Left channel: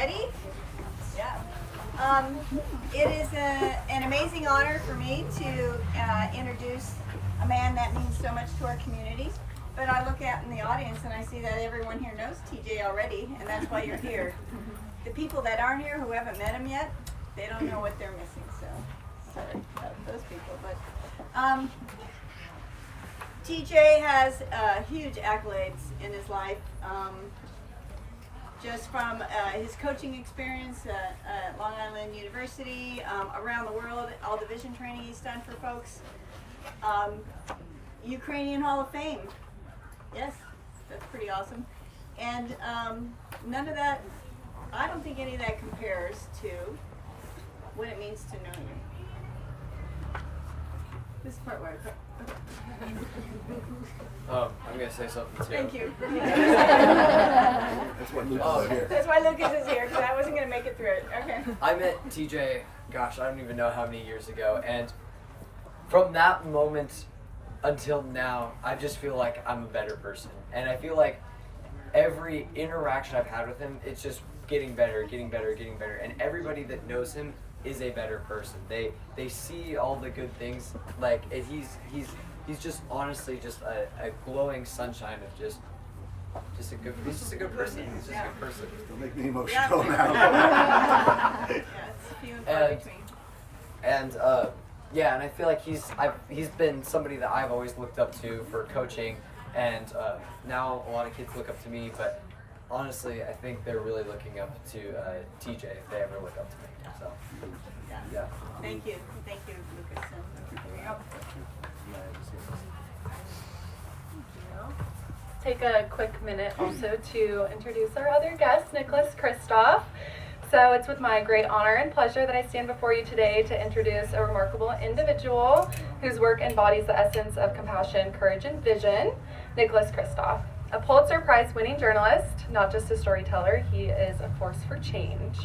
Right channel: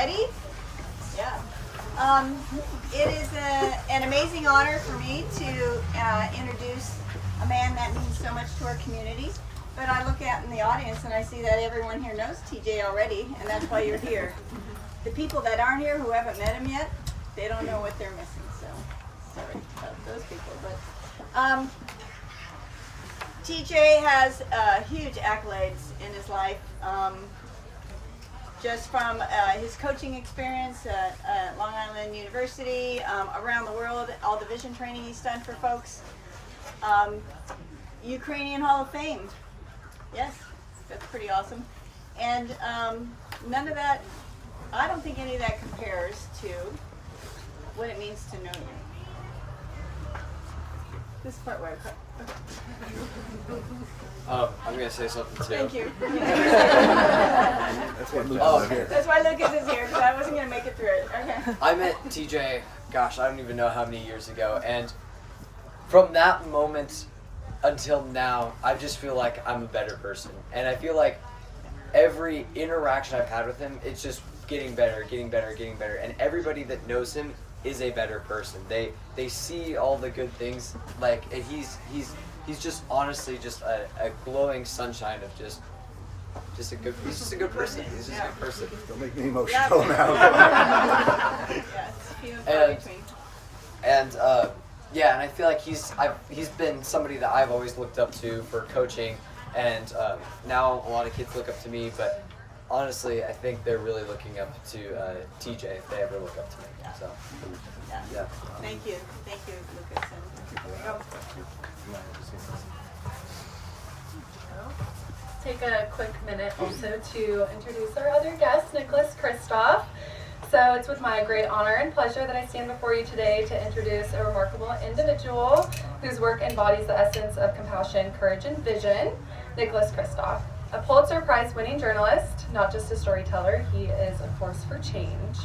Ready? Yeah. It is an amazing honor for me to introduce a man that means so much to our community. But I look out in the audience and I see that everyone here knows TJ already, and that's why you're here. The people that aren't here who haven't met him yet, they don't know what they're missing. So sorry about those people. But TJ has huge accolades in his life. Just from his coaching experience at Long Island University, around the world, all the vision training he's done for folks. Ukrainian Hall of Fame. Yes, that's pretty awesome. And none of that, I don't think any of that compares to what it means to know you. This part where I cut. I'm going to say something too. Thank you. That's why Lucas is here. That's why Lucas is here, because I wasn't going to make it through it. Okay. I met TJ, gosh, I don't even know how many years ago, and from that moment until now, I just feel like I'm a better person. And I feel like every interaction I've had with him, it's just getting better, getting better, getting better. And everybody that knows him is a better person. They see all the good things. Like he's just honestly just a glowing sunshine of just a good. He's just a good person. He's just a good person. Don't make me emotional now. Yeah, it's few and far between. And yeah, and I feel like he's been somebody that I've always looked up to for coaching, and now a lot of kids look up to me. But honestly, I think they're really looking up to TJ if they ever look up to me. So yeah. Thank you, Lucas. And Thank you. Take a quick minute also to introduce our other guest, Nicholas Kristof. So it's with my great honor and pleasure that I stand before you today to introduce a remarkable individual whose work embodies the essence of compassion, courage, and vision, Nicholas Kristof. A Pulitzer Prize-winning journalist, not just a storyteller, he is a force for change.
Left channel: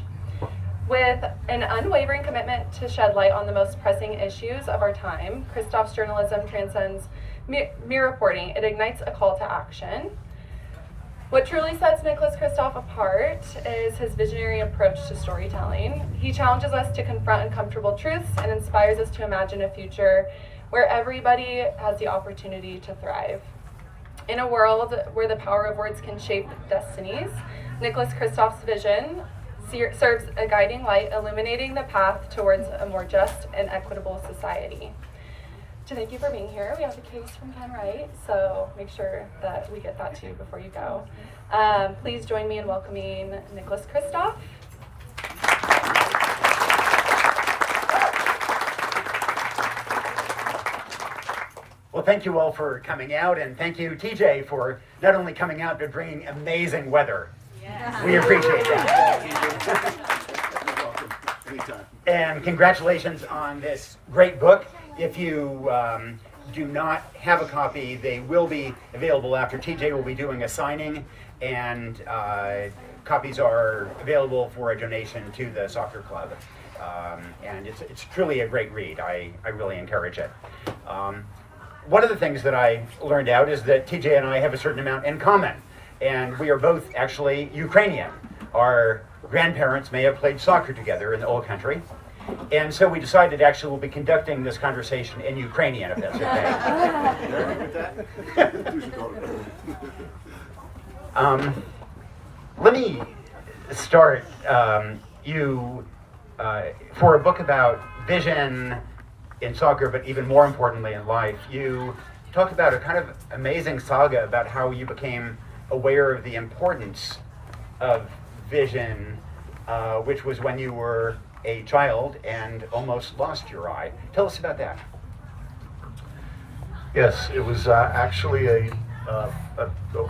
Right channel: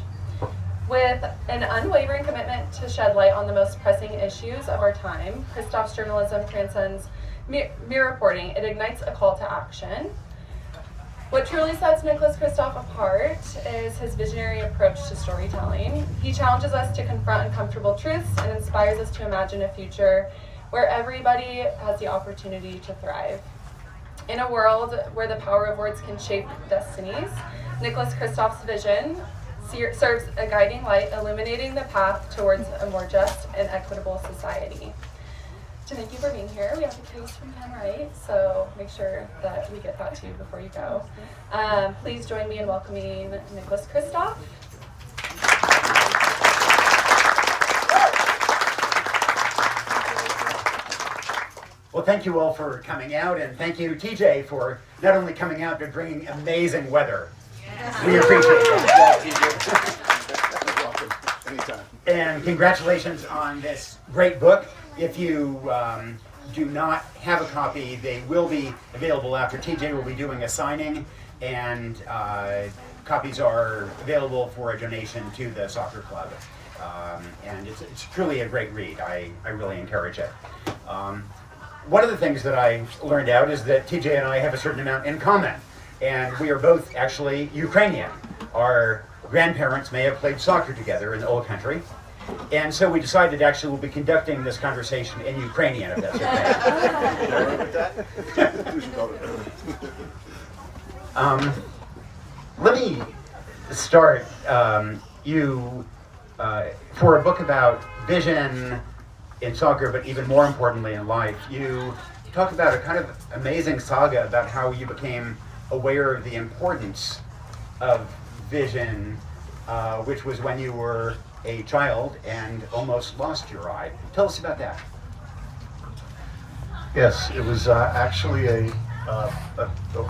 With an unwavering commitment to shed light on the most pressing issues of our time, Kristof's journalism transcends mere reporting. It ignites a call to action. What truly sets Nicholas Kristof apart is his visionary approach to storytelling. He challenges us to confront uncomfortable truths and inspires us to imagine a future where everybody has the opportunity to thrive. In a world where the power of words can shape destinies, Nicholas Kristof's vision serves a guiding light, illuminating the path towards a more just and equitable society. To thank you for being here, we have a case from Ken Wright, so make sure that we get that to you before you go. Please join me in welcoming Nicholas Kristof. Well, thank you all for coming out, and thank you, TJ, for not only coming out, but bringing amazing weather. We appreciate that. You're welcome. Anytime. And congratulations on this great book. If you do not have a copy, they will be available after. TJ will be doing a signing, and copies are available for a donation to the soccer club. And it's truly a great read. I really encourage it. One of the things that I learned out is that TJ and I have a certain amount in common. And we are both actually Ukrainian. Our grandparents may have played soccer together in the old country. And so we decided actually we'll be conducting this conversation in Ukrainian, if that's okay. You all right with that? Let me start. For a book about vision in soccer, but even more importantly in life, you talk about a kind of amazing saga about how you became aware of the importance of vision, which was when you were a child and almost lost your eye. Tell us about that. Yes, it was actually an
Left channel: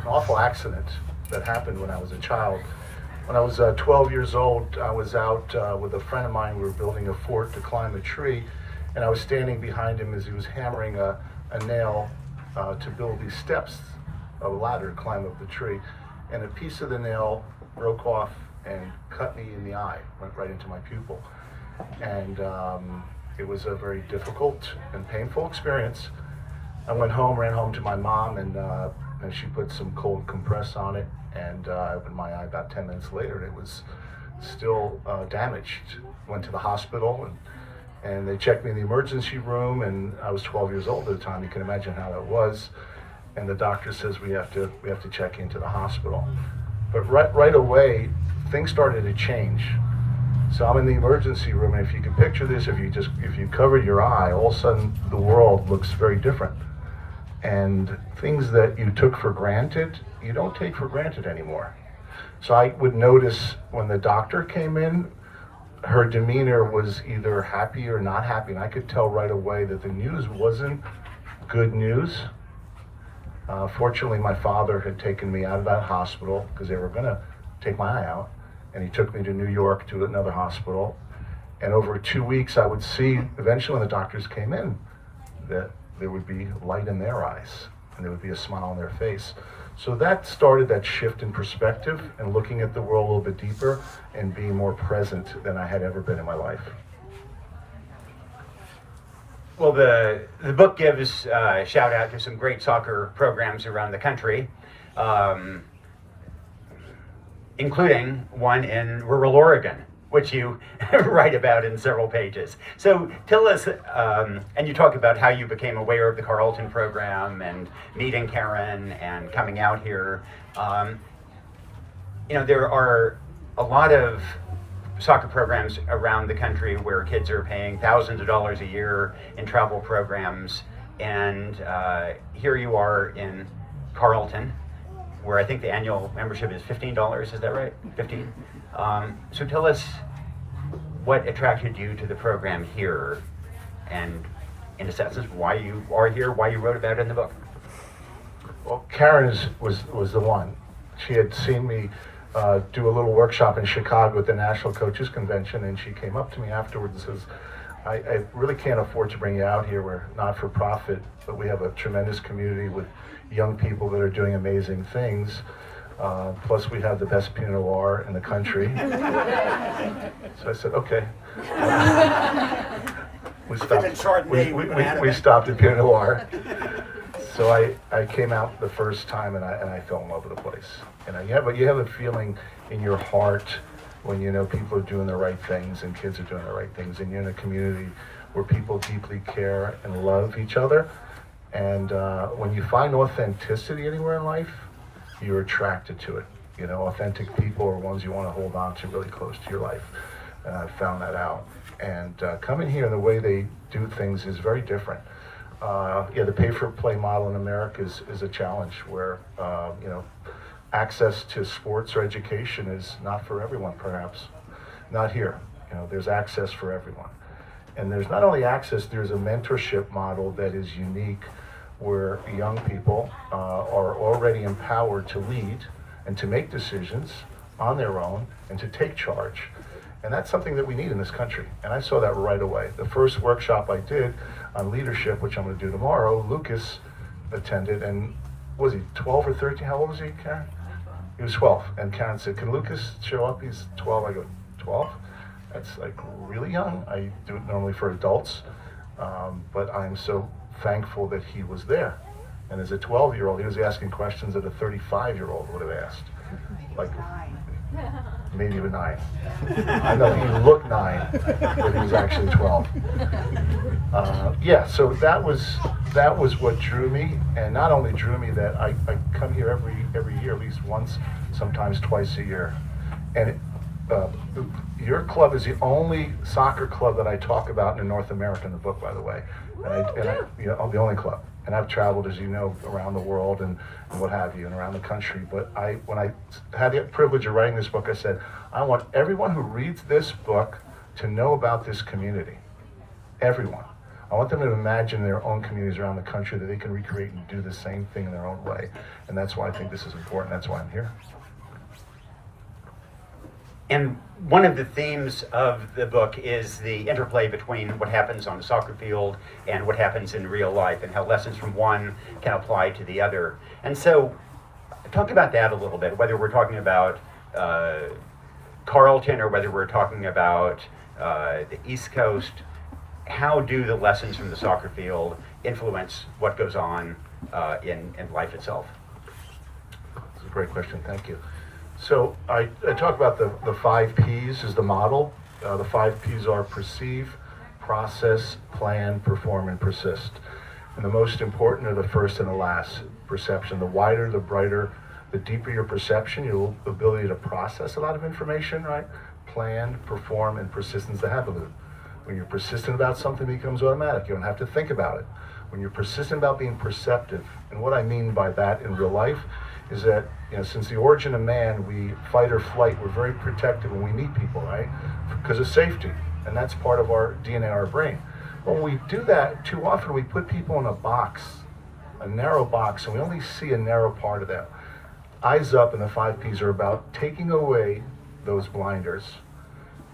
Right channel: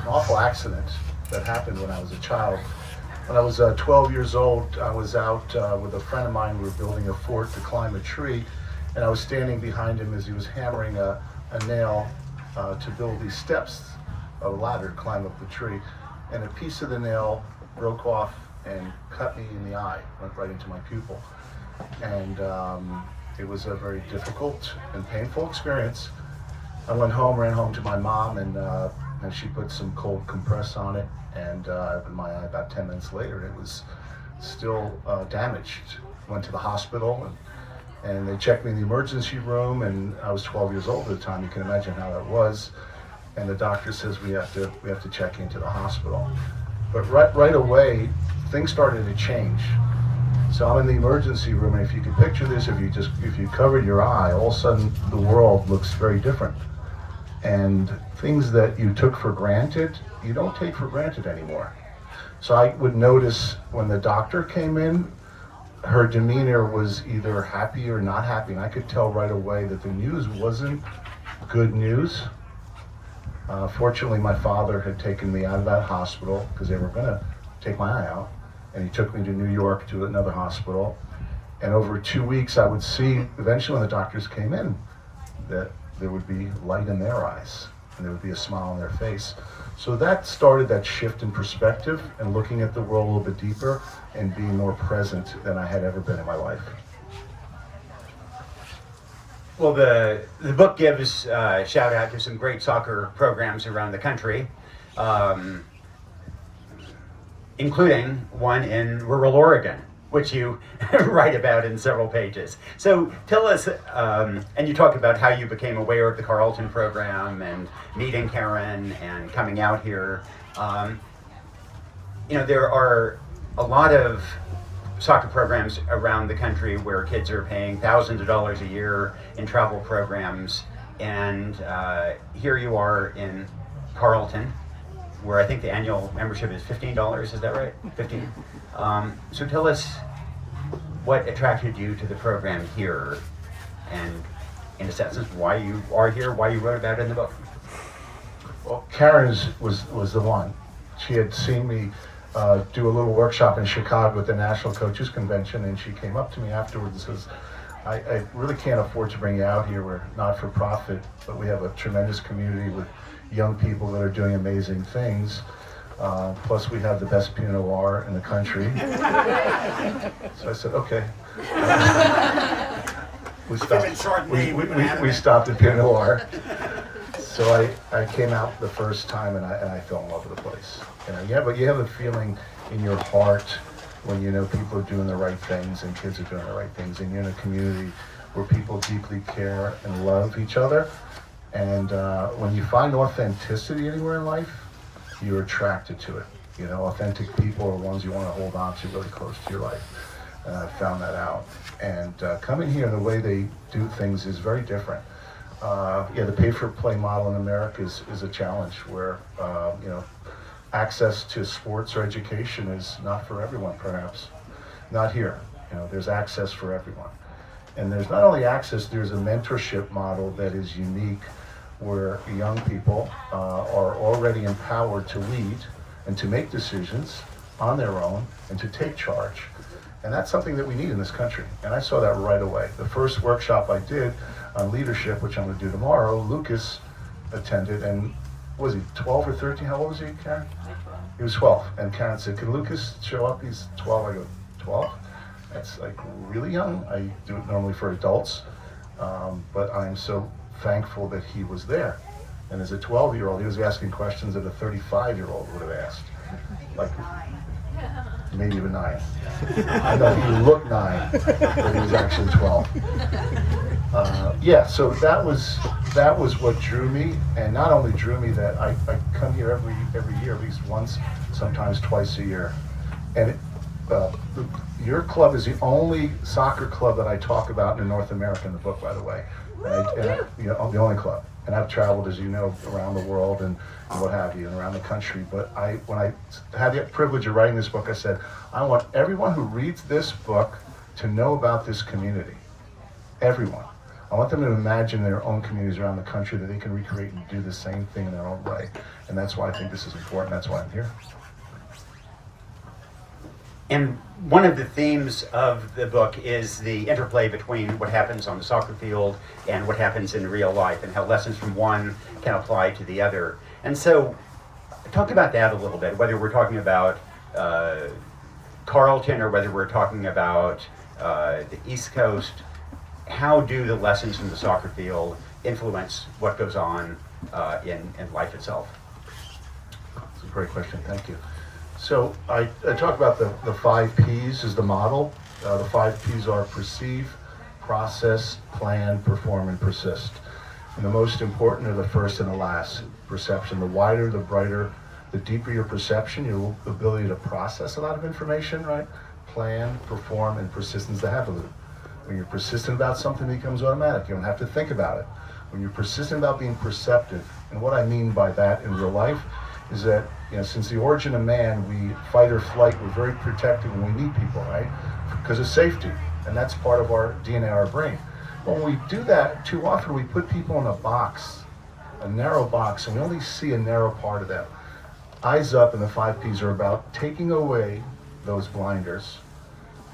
awful accident that happened when I was a child. When I was 12 years old, I was out with a friend of mine. We were building a fort to climb a tree, and I was standing behind him as he was hammering a nail to build these steps, a ladder to climb up the tree, and a piece of the nail broke off and cut me in the eye, went right into my pupil. And it was a very difficult and painful experience. I went home, ran home to my mom, and she put some cold compress on it, and I opened my eye about 10 minutes later, and it was still damaged. Went to the hospital, and they checked me in the emergency room, and I was 12 years old at the time. You can imagine how that was. And the doctor says we have to check into the hospital. But right away, things started to change. So I'm in the emergency room, and if you can picture this, if you cover your eye, all of a sudden the world looks very different. And things that you took for granted, you don't take for granted anymore. So I would notice when the doctor came in, her demeanor was either happy or not happy, and I could tell right away that the news wasn't good news. Fortunately, my father had taken me out of that hospital because they were going to take my eye out, and he took me to New York to another hospital. And over 2 weeks, I would see, eventually when the doctors came in, that there would be light in their eyes, and there would be a smile on their face. So that started that shift in perspective and looking at the world a little bit deeper and being more present than I had ever been in my life. Well, the book gives a shout out to some great soccer programs around the country, including one in rural Oregon, which you write about in several pages. So tell us, and you talk about how you became aware of the Carlton program and meeting Karen and coming out here. There are a lot of soccer programs around the country where kids are paying thousands of dollars a year in travel programs, and here you are in Carlton, where I think the annual membership is $15, is that right? 15. So tell us what attracted you to the program here, and in a sense, why you are here, why you wrote about it in the book. Well, Karen was the one. She had seen me do a little workshop in Chicago at the National Coaches Convention, and she came up to me afterwards and says, I really can't afford to bring you out here. We're not for profit, but we have a tremendous community with young people that are doing amazing things. Plus we have the best Pinot Noir in the country. So I said, okay. We stopped at Pinot Noir. So I came out the first time and I fell in love with the place. You have a feeling in your heart when you know people are doing the right things and kids are doing the right things, and you're in a community where people deeply care and love each other. And when you find authenticity anywhere in life, you're attracted to it. Authentic people are ones you want to hold on to really close to your life. And I've found that out. And coming here, the way they do things is very different. The pay-for-play model in America is a challenge where, access to sports or education is not for everyone, perhaps. Not here. There's access for everyone. And there's not only access, there's a mentorship model that is unique where young people are already empowered to lead and to make decisions on their own and to take charge. And that's something that we need in this country. And I saw that right away. The first workshop I did on leadership, which I'm going to do tomorrow, Lucas attended, and was he 12 or 13? How old was he, Karen? He was 12. And Karen said, can Lucas show up? He's 12. I go, 12? That's like really young. I do it normally for adults. But I'm so thankful that he was there. And as a 12-year-old, he was asking questions that a 35-year-old would have asked. Like, maybe even 9. I know he looked 9, but he was actually 12. So that was what drew me, and not only drew me that I come here every year, at least once, sometimes twice a year. And your club is the only soccer club that I talk about in North America in the book, by the way. The only club. And I've traveled, as you know, around the world and what have you, and around the country. But when I had the privilege of writing this book, I said, I want everyone who reads this book to know about this community. Everyone. I want them to imagine their own communities around the country that they can recreate and do the same thing in their own way. And that's why I think this is important. That's why I'm here. And one of the themes of the book is the interplay between what happens on the soccer field and what happens in real life, and how lessons from one can apply to the other. And so, talk about that a little bit, whether we're talking about Carlton or whether we're talking about the East Coast. How do the lessons from the soccer field influence what goes on in life itself? That's a great question. Thank you. So I talk about the 5 P's as the model. The 5 P's are perceive, process, plan, perform, and persist. And the most important are the first and the last, perception. The wider, the brighter, the deeper your perception, your ability to process a lot of information, right? Plan, perform, and persistence to have a loop. When you're persistent about something, it becomes automatic. You don't have to think about it. When you're persistent about being perceptive, and what I mean by that in real life is that, since the origin of man, we fight or flight, we're very protective when we meet people, right? Because of safety, and that's part of our DNA, our brain. When we do that, too often we put people in a box, a narrow box, and we only see a narrow part of that. Eyes Up and the 5 P's are about taking away those blinders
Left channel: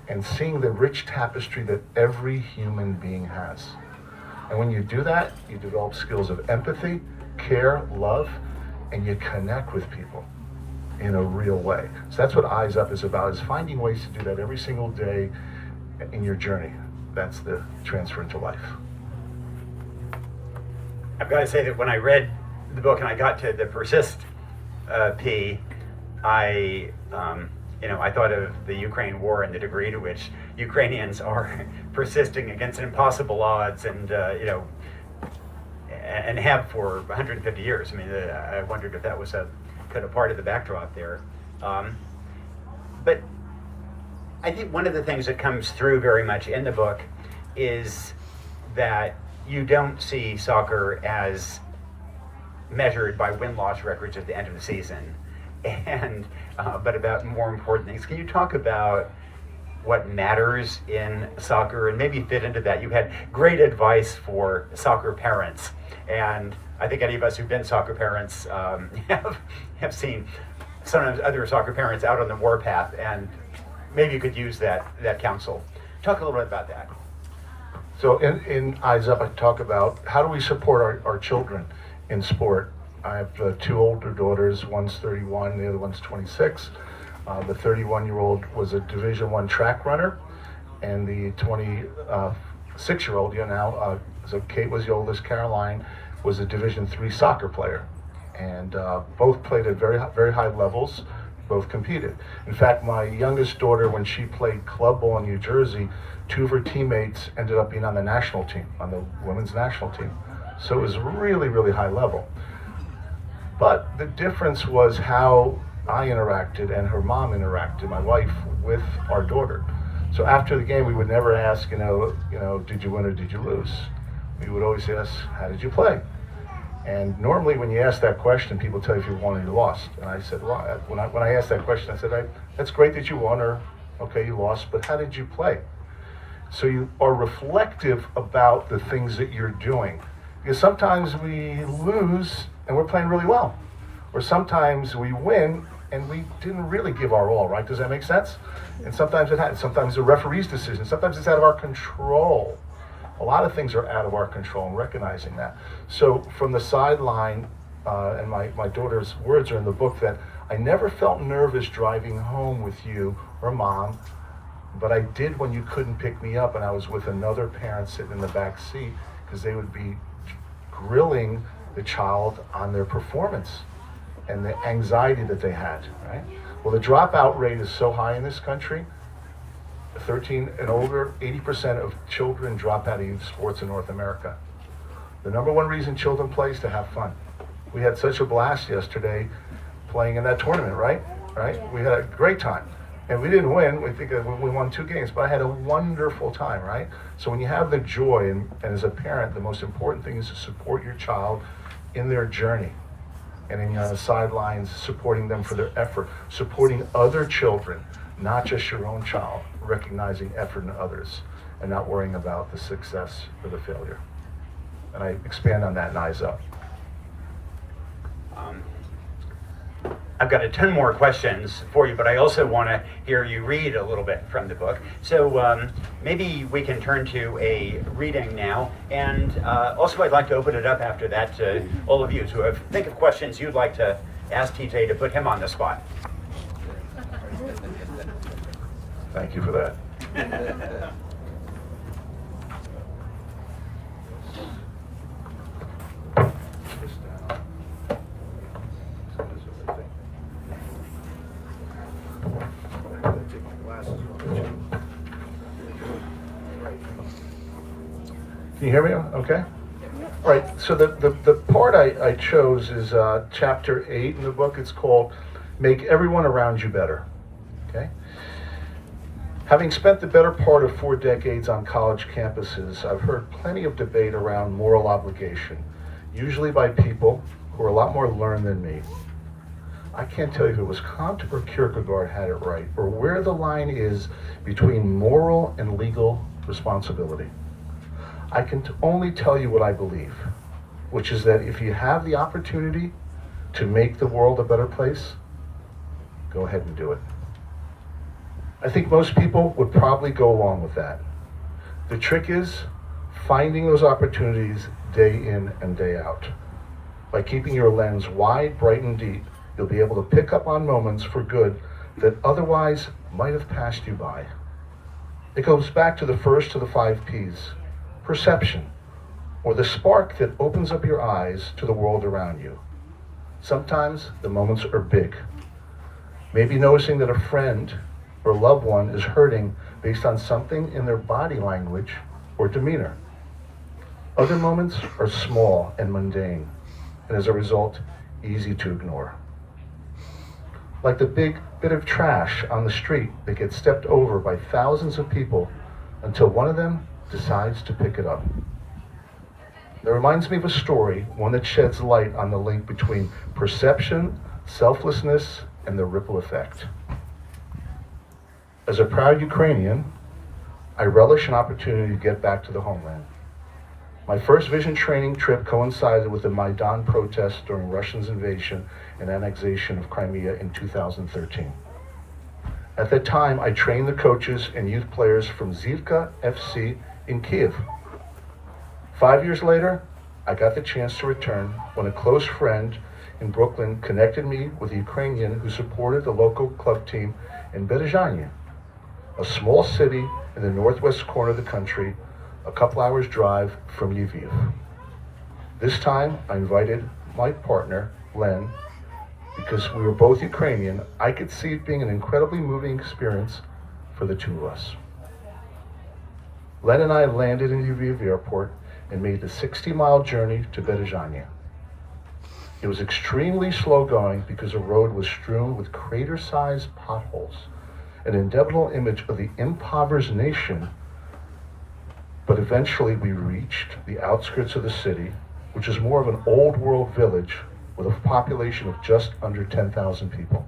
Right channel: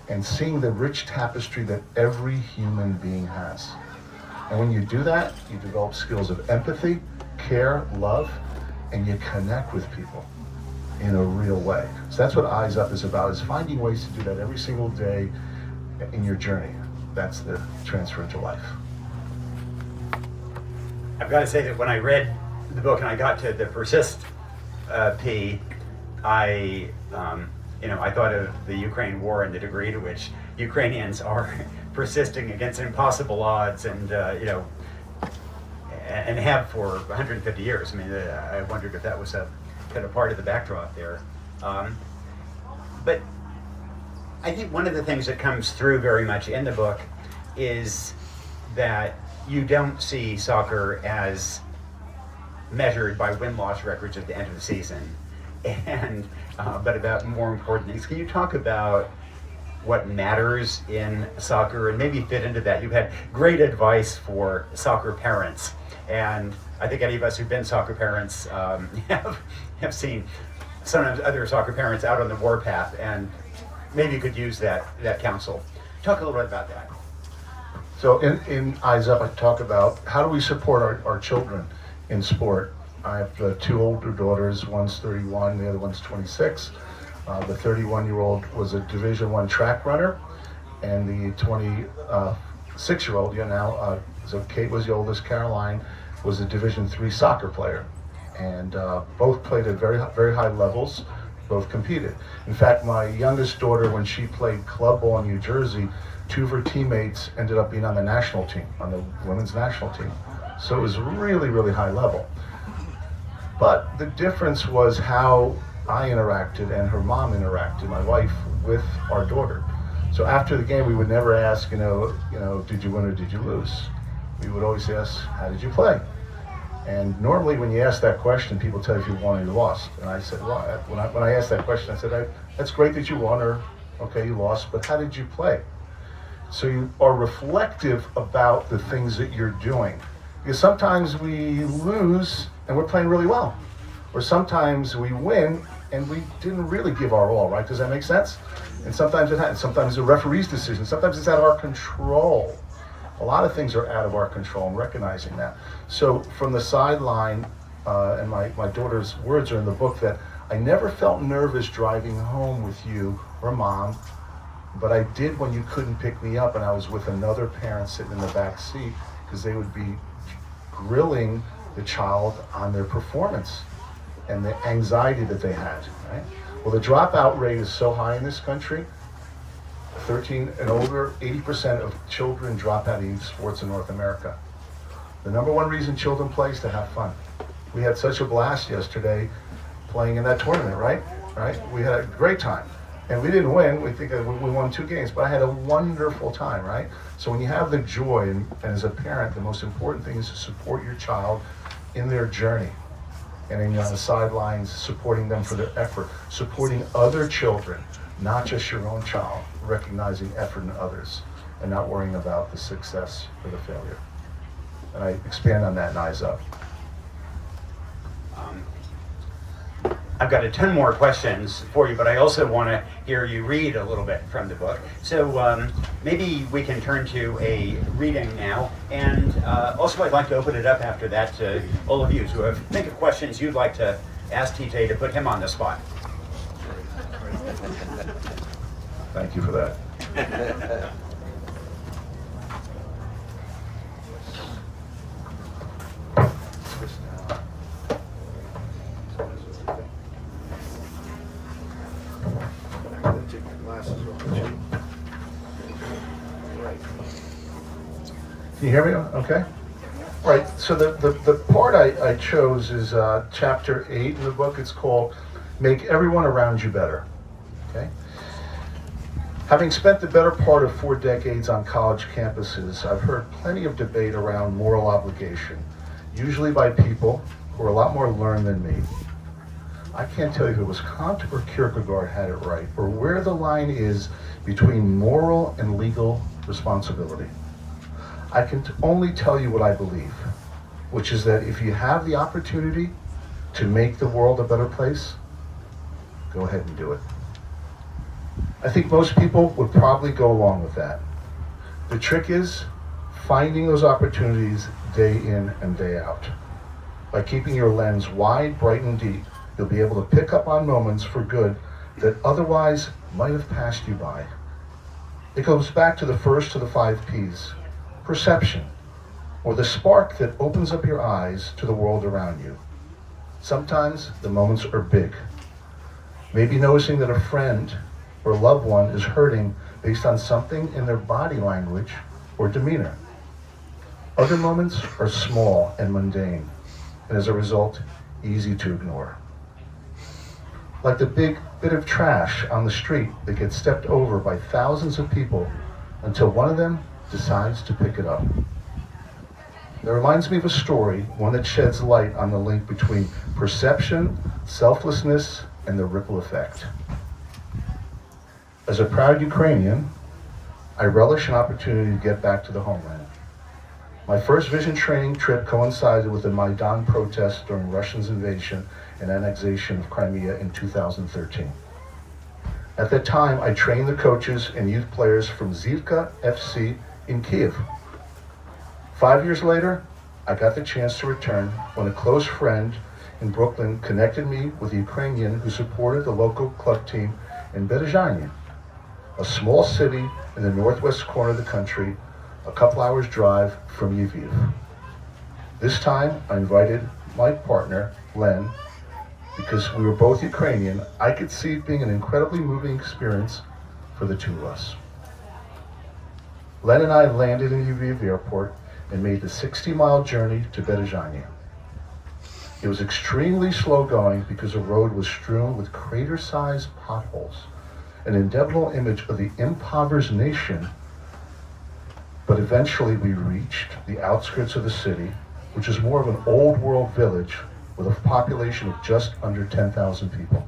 and seeing the rich tapestry that every human being has. And when you do that, you develop skills of empathy, care, love, and you connect with people in a real way. So that's what Eyes Up is about, is finding ways to do that every single day in your journey. That's the transfer into life. I've got to say that when I read the book and I got to the persist P, I thought of the Ukraine war and the degree to which Ukrainians are persisting against impossible odds, and and have for 150 years. I mean, I wondered if that was a kind of part of the backdrop there. But I think one of the things that comes through very much in the book is that you don't see soccer as measured by win-loss records at the end of the season, and but about more important things. Can you talk about what matters in soccer and maybe fit into that? You've had great advice for soccer parents, and I think any of us who've been soccer parents have seen sometimes other soccer parents out on the warpath, and maybe you could use that counsel. Talk a little bit about that. So in Eyes Up, I talk about how do we support our children in sport. I have 2 older daughters, one's 31, the other one's 26. The 31-year-old was a Division I track runner, and the 26-year-old, so Kate was the oldest, Caroline was a Division III soccer player. And both played at very, very high levels, both competed. In fact, my youngest daughter, when she played club ball in New Jersey, 2 of her teammates ended up being on the national team, on the women's national team. So it was really, really high level. But the difference was how I interacted and her mom interacted, my wife, with our daughter. So after the game, we would never ask, did you win or did you lose? We would always ask, how did you play? And normally when you ask that question, people tell you if you won or you lost. And I said, well, when I asked that question, I said, that's great that you won, or okay, you lost, but how did you play? So you are reflective about the things that you're doing. Because sometimes we lose and we're playing really well. Or sometimes we win and we didn't really give our all, right? Does that make sense? And sometimes it happens. Sometimes the referee's decision. Sometimes it's out of our control. A lot of things are out of our control, and recognizing that. So from the sideline, and my daughter's words are in the book, that I never felt nervous driving home with you or mom, but I did when you couldn't pick me up and I was with another parent sitting in the back seat, because they would be grilling the child on their performance and the anxiety that they had, right? Well, the dropout rate is so high in this country. 13 and over, 80% of children drop out of youth sports in North America. The number one reason children play is to have fun. We had such a blast yesterday playing in that tournament, right? We had a great time. And we didn't win. We think we won 2 games, but I had a wonderful time, right? So when you have the joy, and as a parent, the most important thing is to support your child in their journey. And then you're on the sidelines supporting them for their effort, supporting other children, not just your own child, recognizing effort in others and not worrying about the success or the failure. And I expand on that in Eyes Up. I've got a ton more questions for you, but I also want to hear you read a little bit from the book. So maybe we can turn to a reading now. And also I'd like to open it up after that to all of you. So think of questions you'd like to ask TJ to put him on the spot. Thank you for that. Can you hear me? Okay. All right. So the part I chose is chapter 8 in the book. It's called "Make Everyone Around You Better." Okay. Having spent the better part of 4 decades on college campuses, I've heard plenty of debate around moral obligation, usually by people who are a lot more learned than me. I can't tell you if it was Kant or Kierkegaard had it right, or where the line is between moral and legal responsibility. I can only tell you what I believe, which is that if you have the opportunity to make the world a better place, go ahead and do it. I think most people would probably go along with that. The trick is finding those opportunities day in and day out. By keeping your lens wide, bright, and deep, you'll be able to pick up on moments for good that otherwise might have passed you by. It goes back to the first of the 5 Ps, perception, or the spark that opens up your eyes to the world around you. Sometimes the moments are big. Maybe noticing that a friend or loved one is hurting based on something in their body language or demeanor. Other moments are small and mundane, and as a result, easy to ignore. Like the big bit of trash on the street that gets stepped over by thousands of people until one of them decides to pick it up. That reminds me of a story, one that sheds light on the link between perception, selflessness, and the ripple effect. As a proud Ukrainian, I relish an opportunity to get back to the homeland. My first vision training trip coincided with the Maidan protests during Russia's invasion and annexation of Crimea in 2013. At that time, I trained the coaches and youth players from Zivka FC in Kiev. 5 years later, I got the chance to return when a close friend in Brooklyn connected me with a Ukrainian who supported the local club team in Berezhany, a small city in the northwest corner of the country, a couple hours drive from Lviv. This time, I invited my partner, Len, because we were both Ukrainian. I could see it being an incredibly moving experience for the two of us. Len and I landed in Lviv airport and made the 60-mile journey to Berezhany. It was extremely slow going because the road was strewn with crater-sized potholes, an indelible image of the impoverished nation. But eventually we reached the outskirts of the city, which is more of an old world village with a population of just under 10,000 people.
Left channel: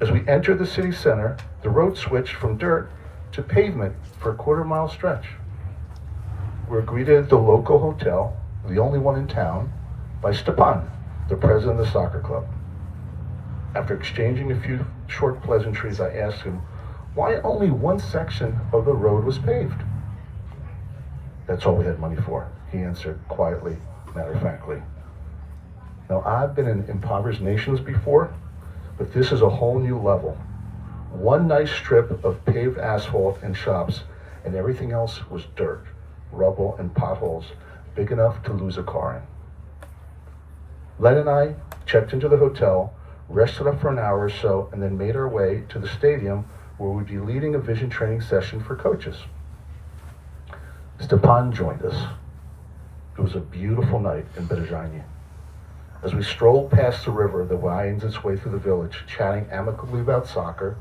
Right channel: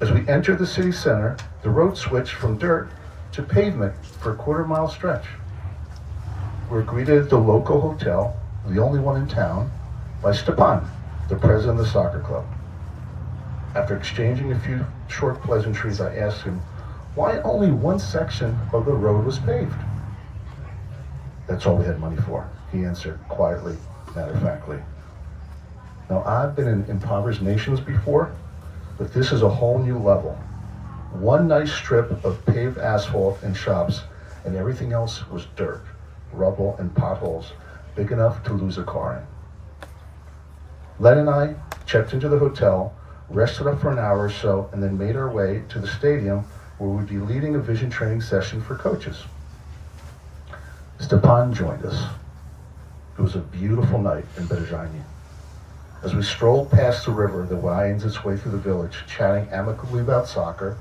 As we entered the city center, the road switched from dirt to pavement for a quarter-mile stretch. We were greeted at the local hotel, the only one in town, by Stepan, the president of the soccer club. After exchanging a few short pleasantries, I asked him why only one section of the road was paved. That's all we had money for, he answered quietly, matter-of-factly. Now, I've been in impoverished nations before, but this is a whole new level. One nice strip of paved asphalt and shops, and everything else was dirt, rubble, and potholes big enough to lose a car in. Len and I checked into the hotel, rested up for an hour or so, and then made our way to the stadium where we'd be leading a vision training session for coaches. Stepan joined us. It was a beautiful night in Berezhany. As we strolled past the river that winds its way through the village, chatting amicably about soccer,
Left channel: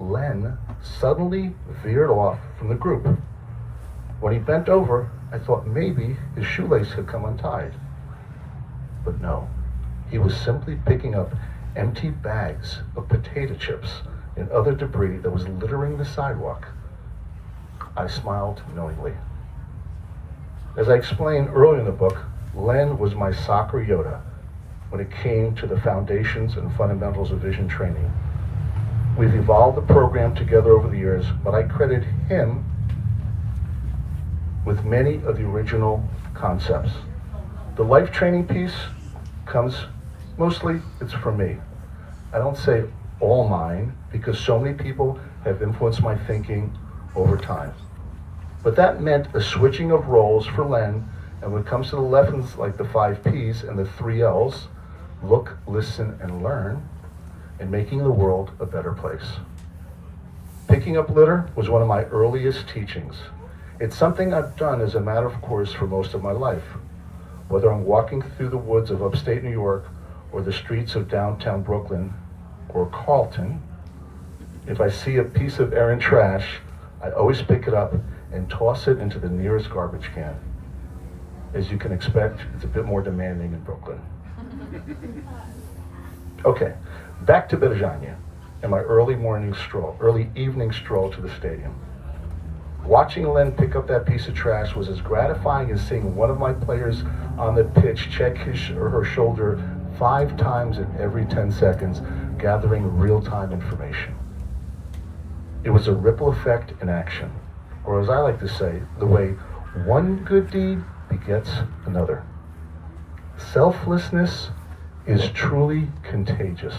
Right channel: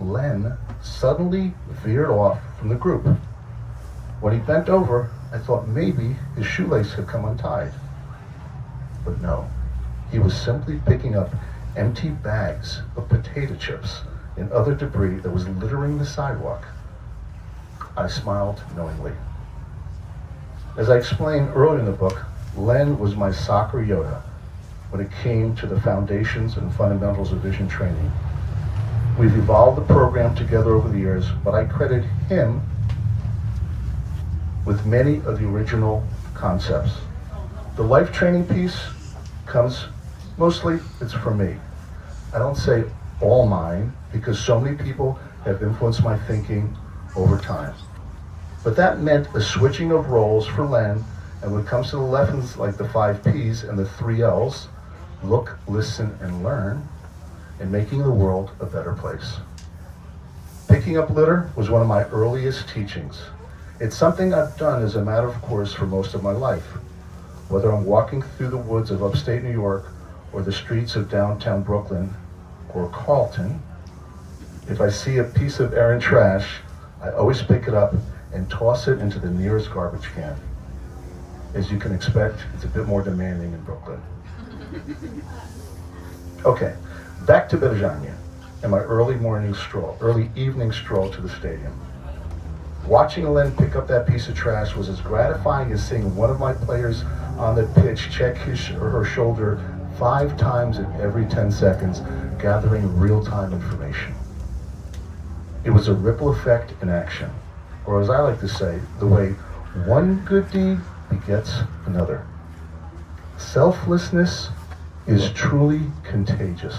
Len suddenly veered off from the group. When he bent over, I thought maybe his shoelace had come untied. But no, he was simply picking up empty bags of potato chips and other debris that was littering the sidewalk. I smiled knowingly. As I explained earlier in the book, Len was my soccer Yoda when it came to the foundations and fundamentals of vision training. We've evolved the program together over the years, but I credit him with many of the original concepts. The life training piece comes mostly, it's for me. I don't say all mine because so many people have influenced my thinking over time. But that meant a switching of roles for Len, and when it comes to the lessons like the 5 Ps and the 3 Ls, look, listen, and learn, and making the world a better place. Picking up litter was one of my earliest teachings, It's something I've done as a matter of course for most of my life. Whether I'm walking through the woods of upstate New York or the streets of downtown Brooklyn or Carlton, if I see a piece of errant trash, I always pick it up and toss it into the nearest garbage can. As you can expect, it's a bit more demanding in Brooklyn. Okay, back to Virginia and my early evening stroll to the stadium. Watching Len pick up that piece of trash was as gratifying as seeing one of my players on the pitch check his or her shoulder 5 times in every 10 seconds, gathering real-time information. It was a ripple effect in action, or as I like to say, the way one good deed begets another. Selflessness is truly contagious.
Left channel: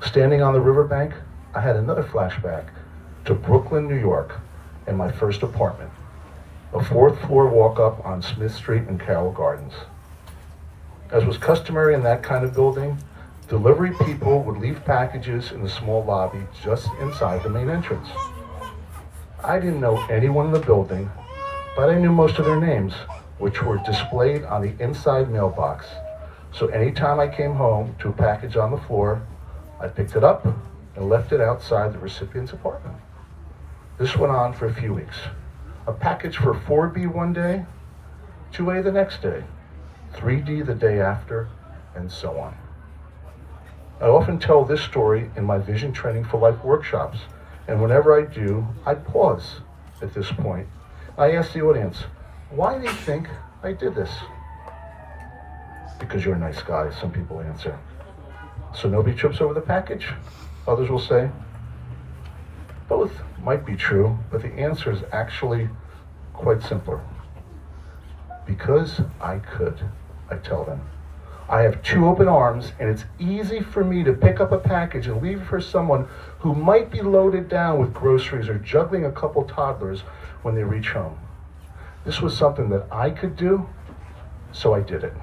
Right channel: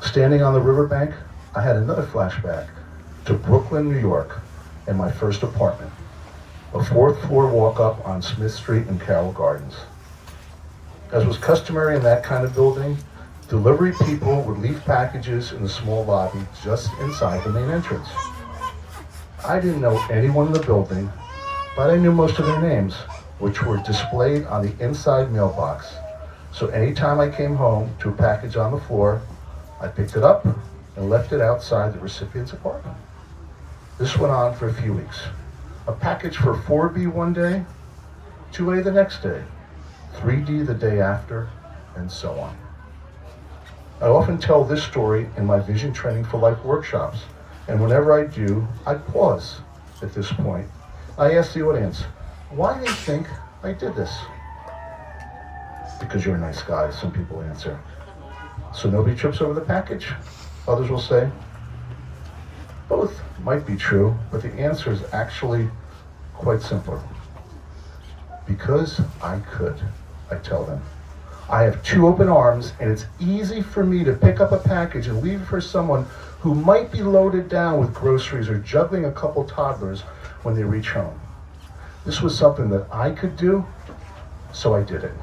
Standing on the riverbank, I had another flashback to Brooklyn, New York, and my first apartment, a 4th floor walk-up on Smith Street in Carroll Gardens. As was customary in that kind of building, delivery people would leave packages in the small lobby just inside the main entrance. I didn't know anyone in the building, but I knew most of their names, which were displayed on the inside mailbox. So anytime I came home to a package on the floor, I picked it up and left it outside the recipient's apartment. This went on for a few weeks. A package for 4B one day, 2A the next day, 3D the day after, and so on. I often tell this story in my Vision Training for Life workshops, and whenever I do, I pause at this point. I ask the audience, why they think I did this? Because you're a nice guy, some people answer. So nobody trips over the package? Others will say, both might be true, but the answer is actually quite simpler. Because I could, I tell them. I have 2 open arms, and it's easy for me to pick up a package and leave it for someone who might be loaded down with groceries or juggling a couple toddlers when they reach home. This was something that I could do, so I did it.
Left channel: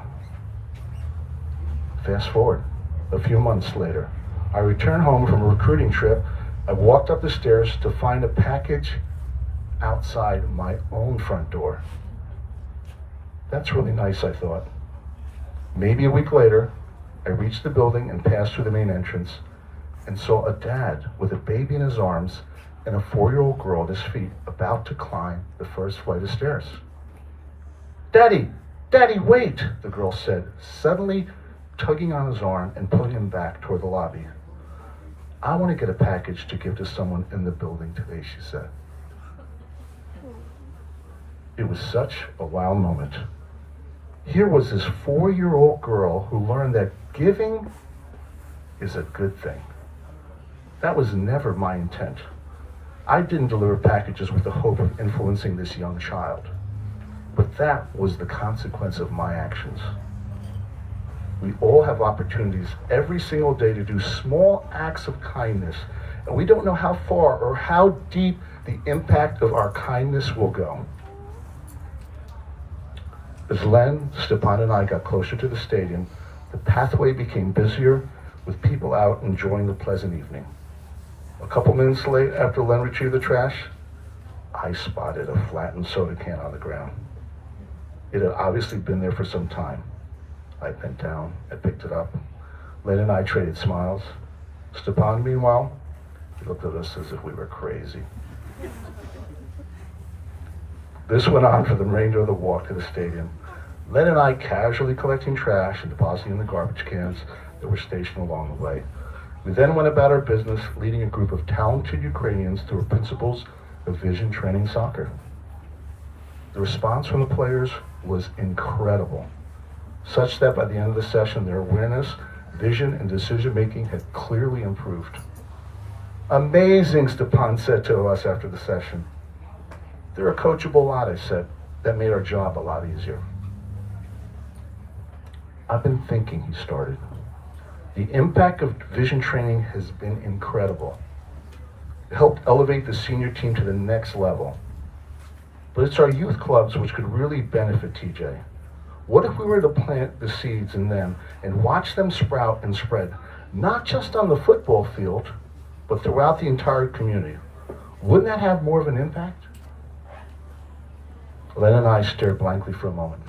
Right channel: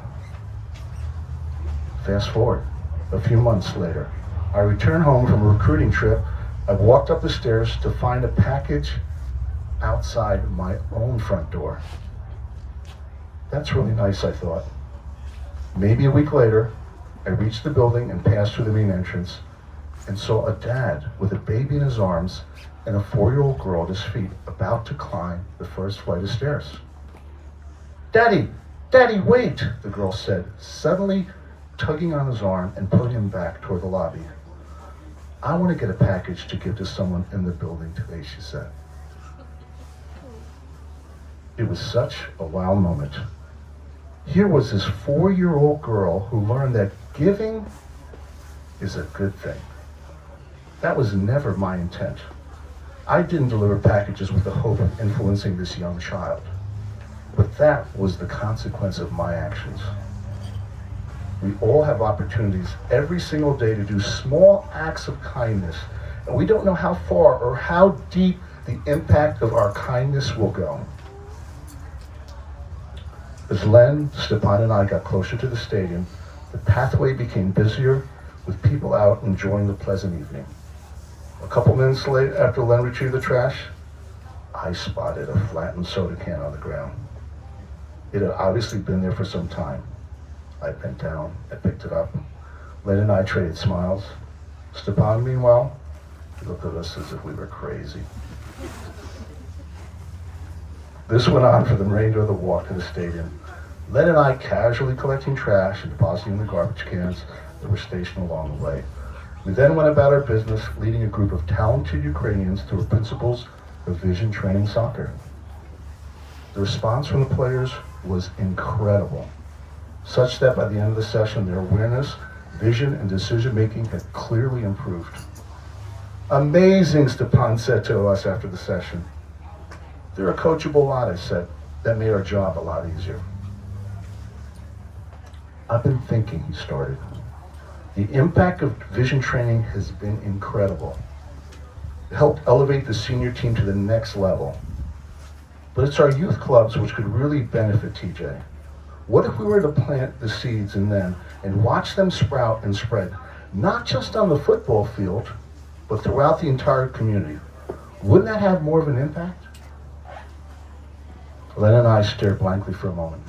Fast forward, a few months later, I return home from a recruiting trip. I walked up the stairs to find a package outside my own front door. That's really nice, I thought. Maybe a week later, I reached the building and passed through the main entrance and saw a dad with a baby in his arms and a 4-year-old girl at his feet about to climb the first flight of stairs. Daddy, wait, the girl said, suddenly tugging on his arm and pulling him back toward the lobby. I want to get a package to give to someone in the building today, she said. It was such a wow moment. Here was this 4-year-old girl who learned that giving is a good thing. That was never my intent. I didn't deliver packages with the hope of influencing this young child, but that was the consequence of my actions. We all have opportunities every single day to do small acts of kindness, and we don't know how far or how deep the impact of our kindness will go. As Len, Stepan, and I got closer to the stadium, the pathway became busier with people out enjoying the pleasant evening. A couple minutes later, after Len retrieved the trash, I spotted a flattened soda can on the ground. It had obviously been there for some time. I bent down, I picked it up. Len and I traded smiles. Stepan, meanwhile, he looked at us as if we were crazy. This went on for the remainder of the walk to the stadium. Len and I casually collecting trash and depositing in the garbage cans that were stationed along the way. We then went about our business, leading a group of talented Ukrainians through the principles of Vision Training Soccer. The response from the players was incredible, such that by the end of the session, their awareness, vision, and decision-making had clearly improved. Amazing, Stepan said to us after the session. They're a coachable lot, I said. That made our job a lot easier. I've been thinking, he started. The impact of vision training has been incredible. It helped elevate the senior team to the next level. But it's our youth clubs which could really benefit, TJ. What if we were to plant the seeds in them and watch them sprout and spread, not just on the football field, but throughout the entire community? Wouldn't that have more of an impact? Len and I stared blankly for a moment.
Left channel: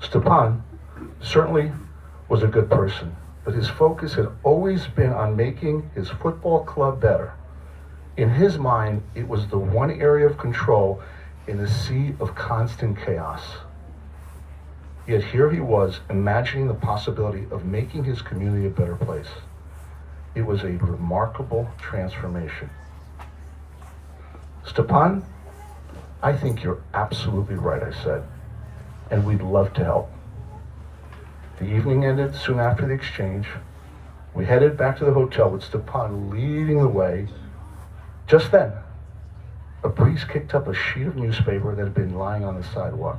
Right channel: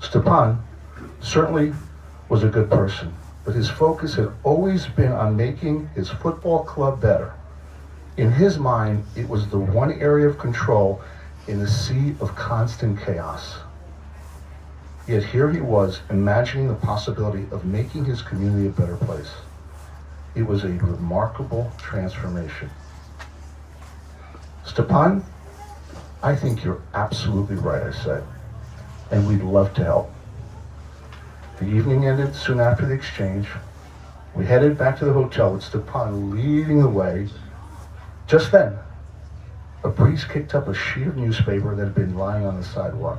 Stepan certainly was a good person, but his focus had always been on making his football club better. In his mind, it was the one area of control in a sea of constant chaos. Yet here he was, imagining the possibility of making his community a better place. It was a remarkable transformation. Stepan, I think you're absolutely right, I said, and we'd love to help. The evening ended soon after the exchange. We headed back to the hotel with Stepan leading the way. Just then, a priest kicked up a sheet of newspaper that had been lying on the sidewalk.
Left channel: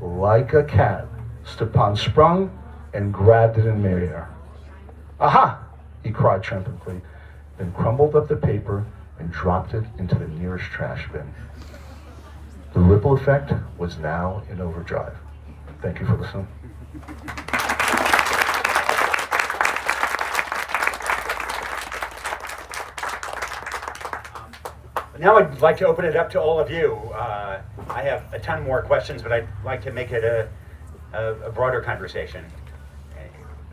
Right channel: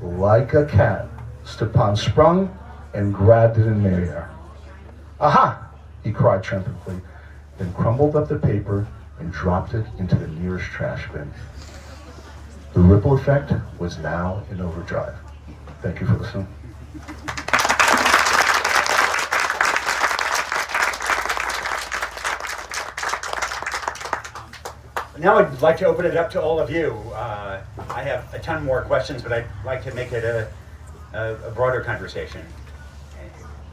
Like a cat, Stepan sprung and grabbed it in midair. Aha! He cried triumphantly, then crumbled up the paper and dropped it into the nearest trash bin. The ripple effect was now in overdrive. Thank you for listening. Now I'd like to open it up to all of you. I have a ton more questions, but I'd like to make it a broader conversation.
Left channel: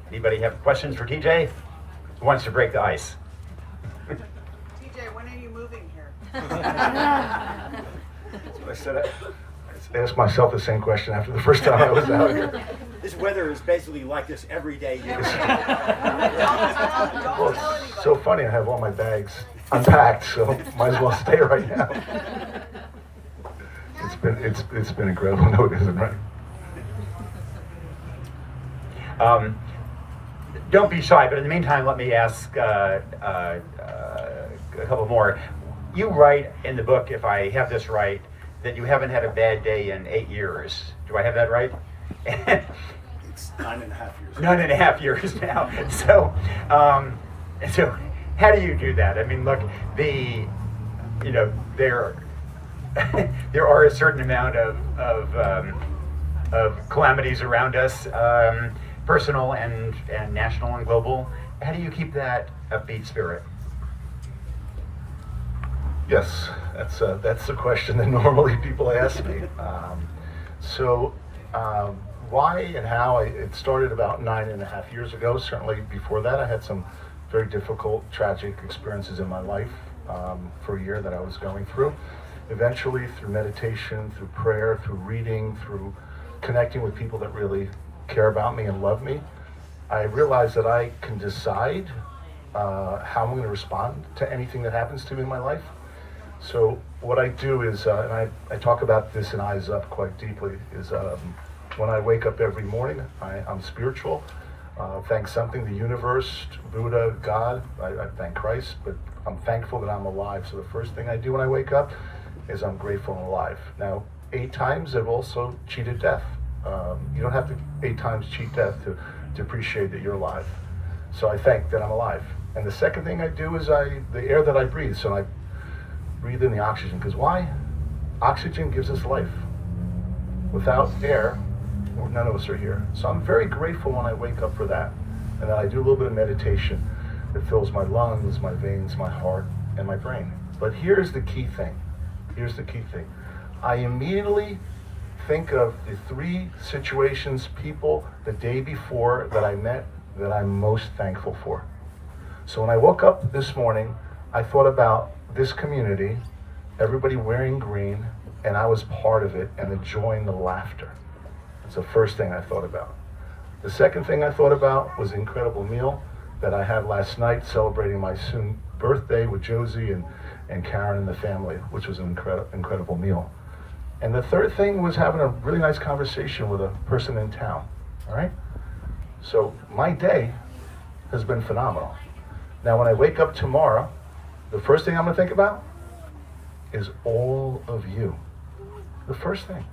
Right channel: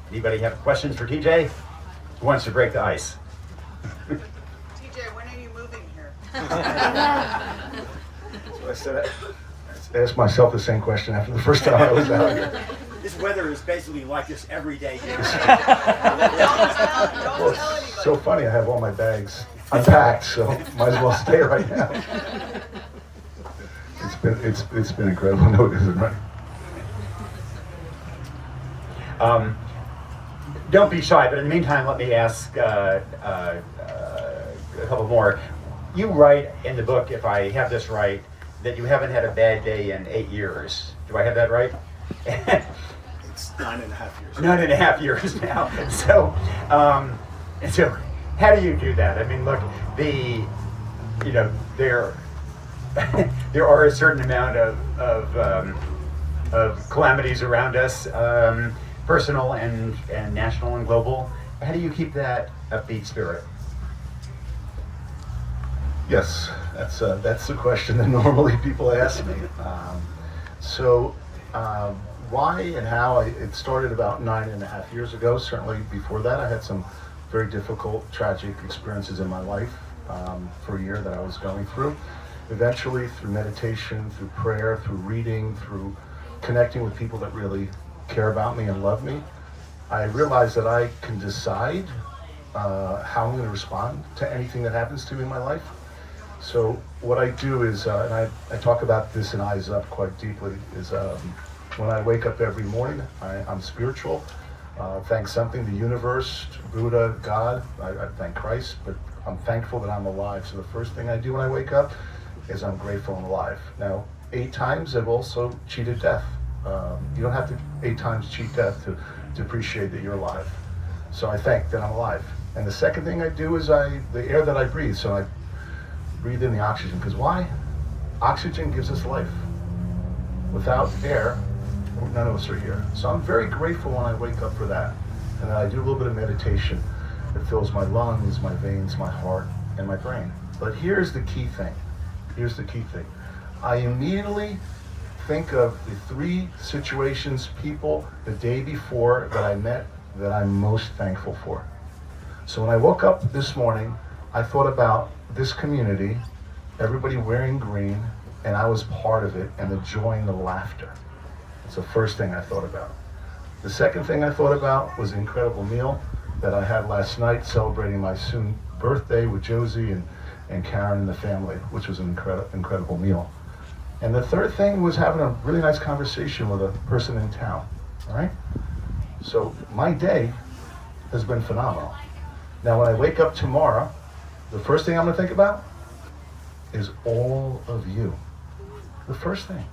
Anybody have questions for TJ? Who wants to break the ice? TJ, when are you moving here? So I said, I asked myself the same question after the first time I was out here. This weather is basically like this every day. Well, it's so funny, I have all my bags unpacked, so might as well stay right now. It's been incredible, no it isn't, right? Don't be shy, but in the meantime, let me ask a couple more. You write in the book, if I have this right, that you haven't had a bad day in 8 years. Do I have that right? It's 9.5 years. 9.5 years now. So how do you do that? I mean, look, there are a certain amount of calamities around us, personal and national and global. How do you keep that upbeat spirit? Yes, that's the question that normally people ask me. Why and how, it started about 9.5 years ago. Certainly before that, I had some very difficult, tragic experiences in my life for a year that I was going through. Eventually, through meditation, through prayer, through reading, through connecting with people that really care about me and love me, I realized that I can decide how I'm going to respond to anything that happens to me in my life. So what I do is, and I talk about this in Eyes Up quite deeply, is when I wake up every morning, I'm spiritual. I'll thank something, the universe, Buddha, God, I thank Christ, but I'm thankful that I'm alive. So the first thing I do when I wake up is I'm grateful I'm alive. Now, 8 times I've also cheated death. You don't have to 8 times cheat death to appreciate that you're alive. So I thank that I'm alive. And the second thing I do is the air that I breathe. So I breathe in the oxygen, because why? Oxygen gives us life. Without air, none of us are here. So I'm very grateful when I wake up for that. And then I do a little bit of meditation that fills my lungs, my veins, my heart, and my brain. But here's the key thing. Here's the key thing. I immediately think of the 3 situations, people, the day before that I met that I'm most thankful for. So when I woke up this morning, I thought about this community, everybody wearing green, and I was part of it, and the joy and the laughter. It's the first thing I thought about. The second thing I thought about was the incredible meal that I had last night, celebrating my soon birthday with Josie and Karen and the family, which was an incredible meal. And the third thing was having a really nice conversation with a person in town, all right? So my day has been phenomenal. Now when I wake up tomorrow, the first thing I'm gonna think about is all of you. The first thing.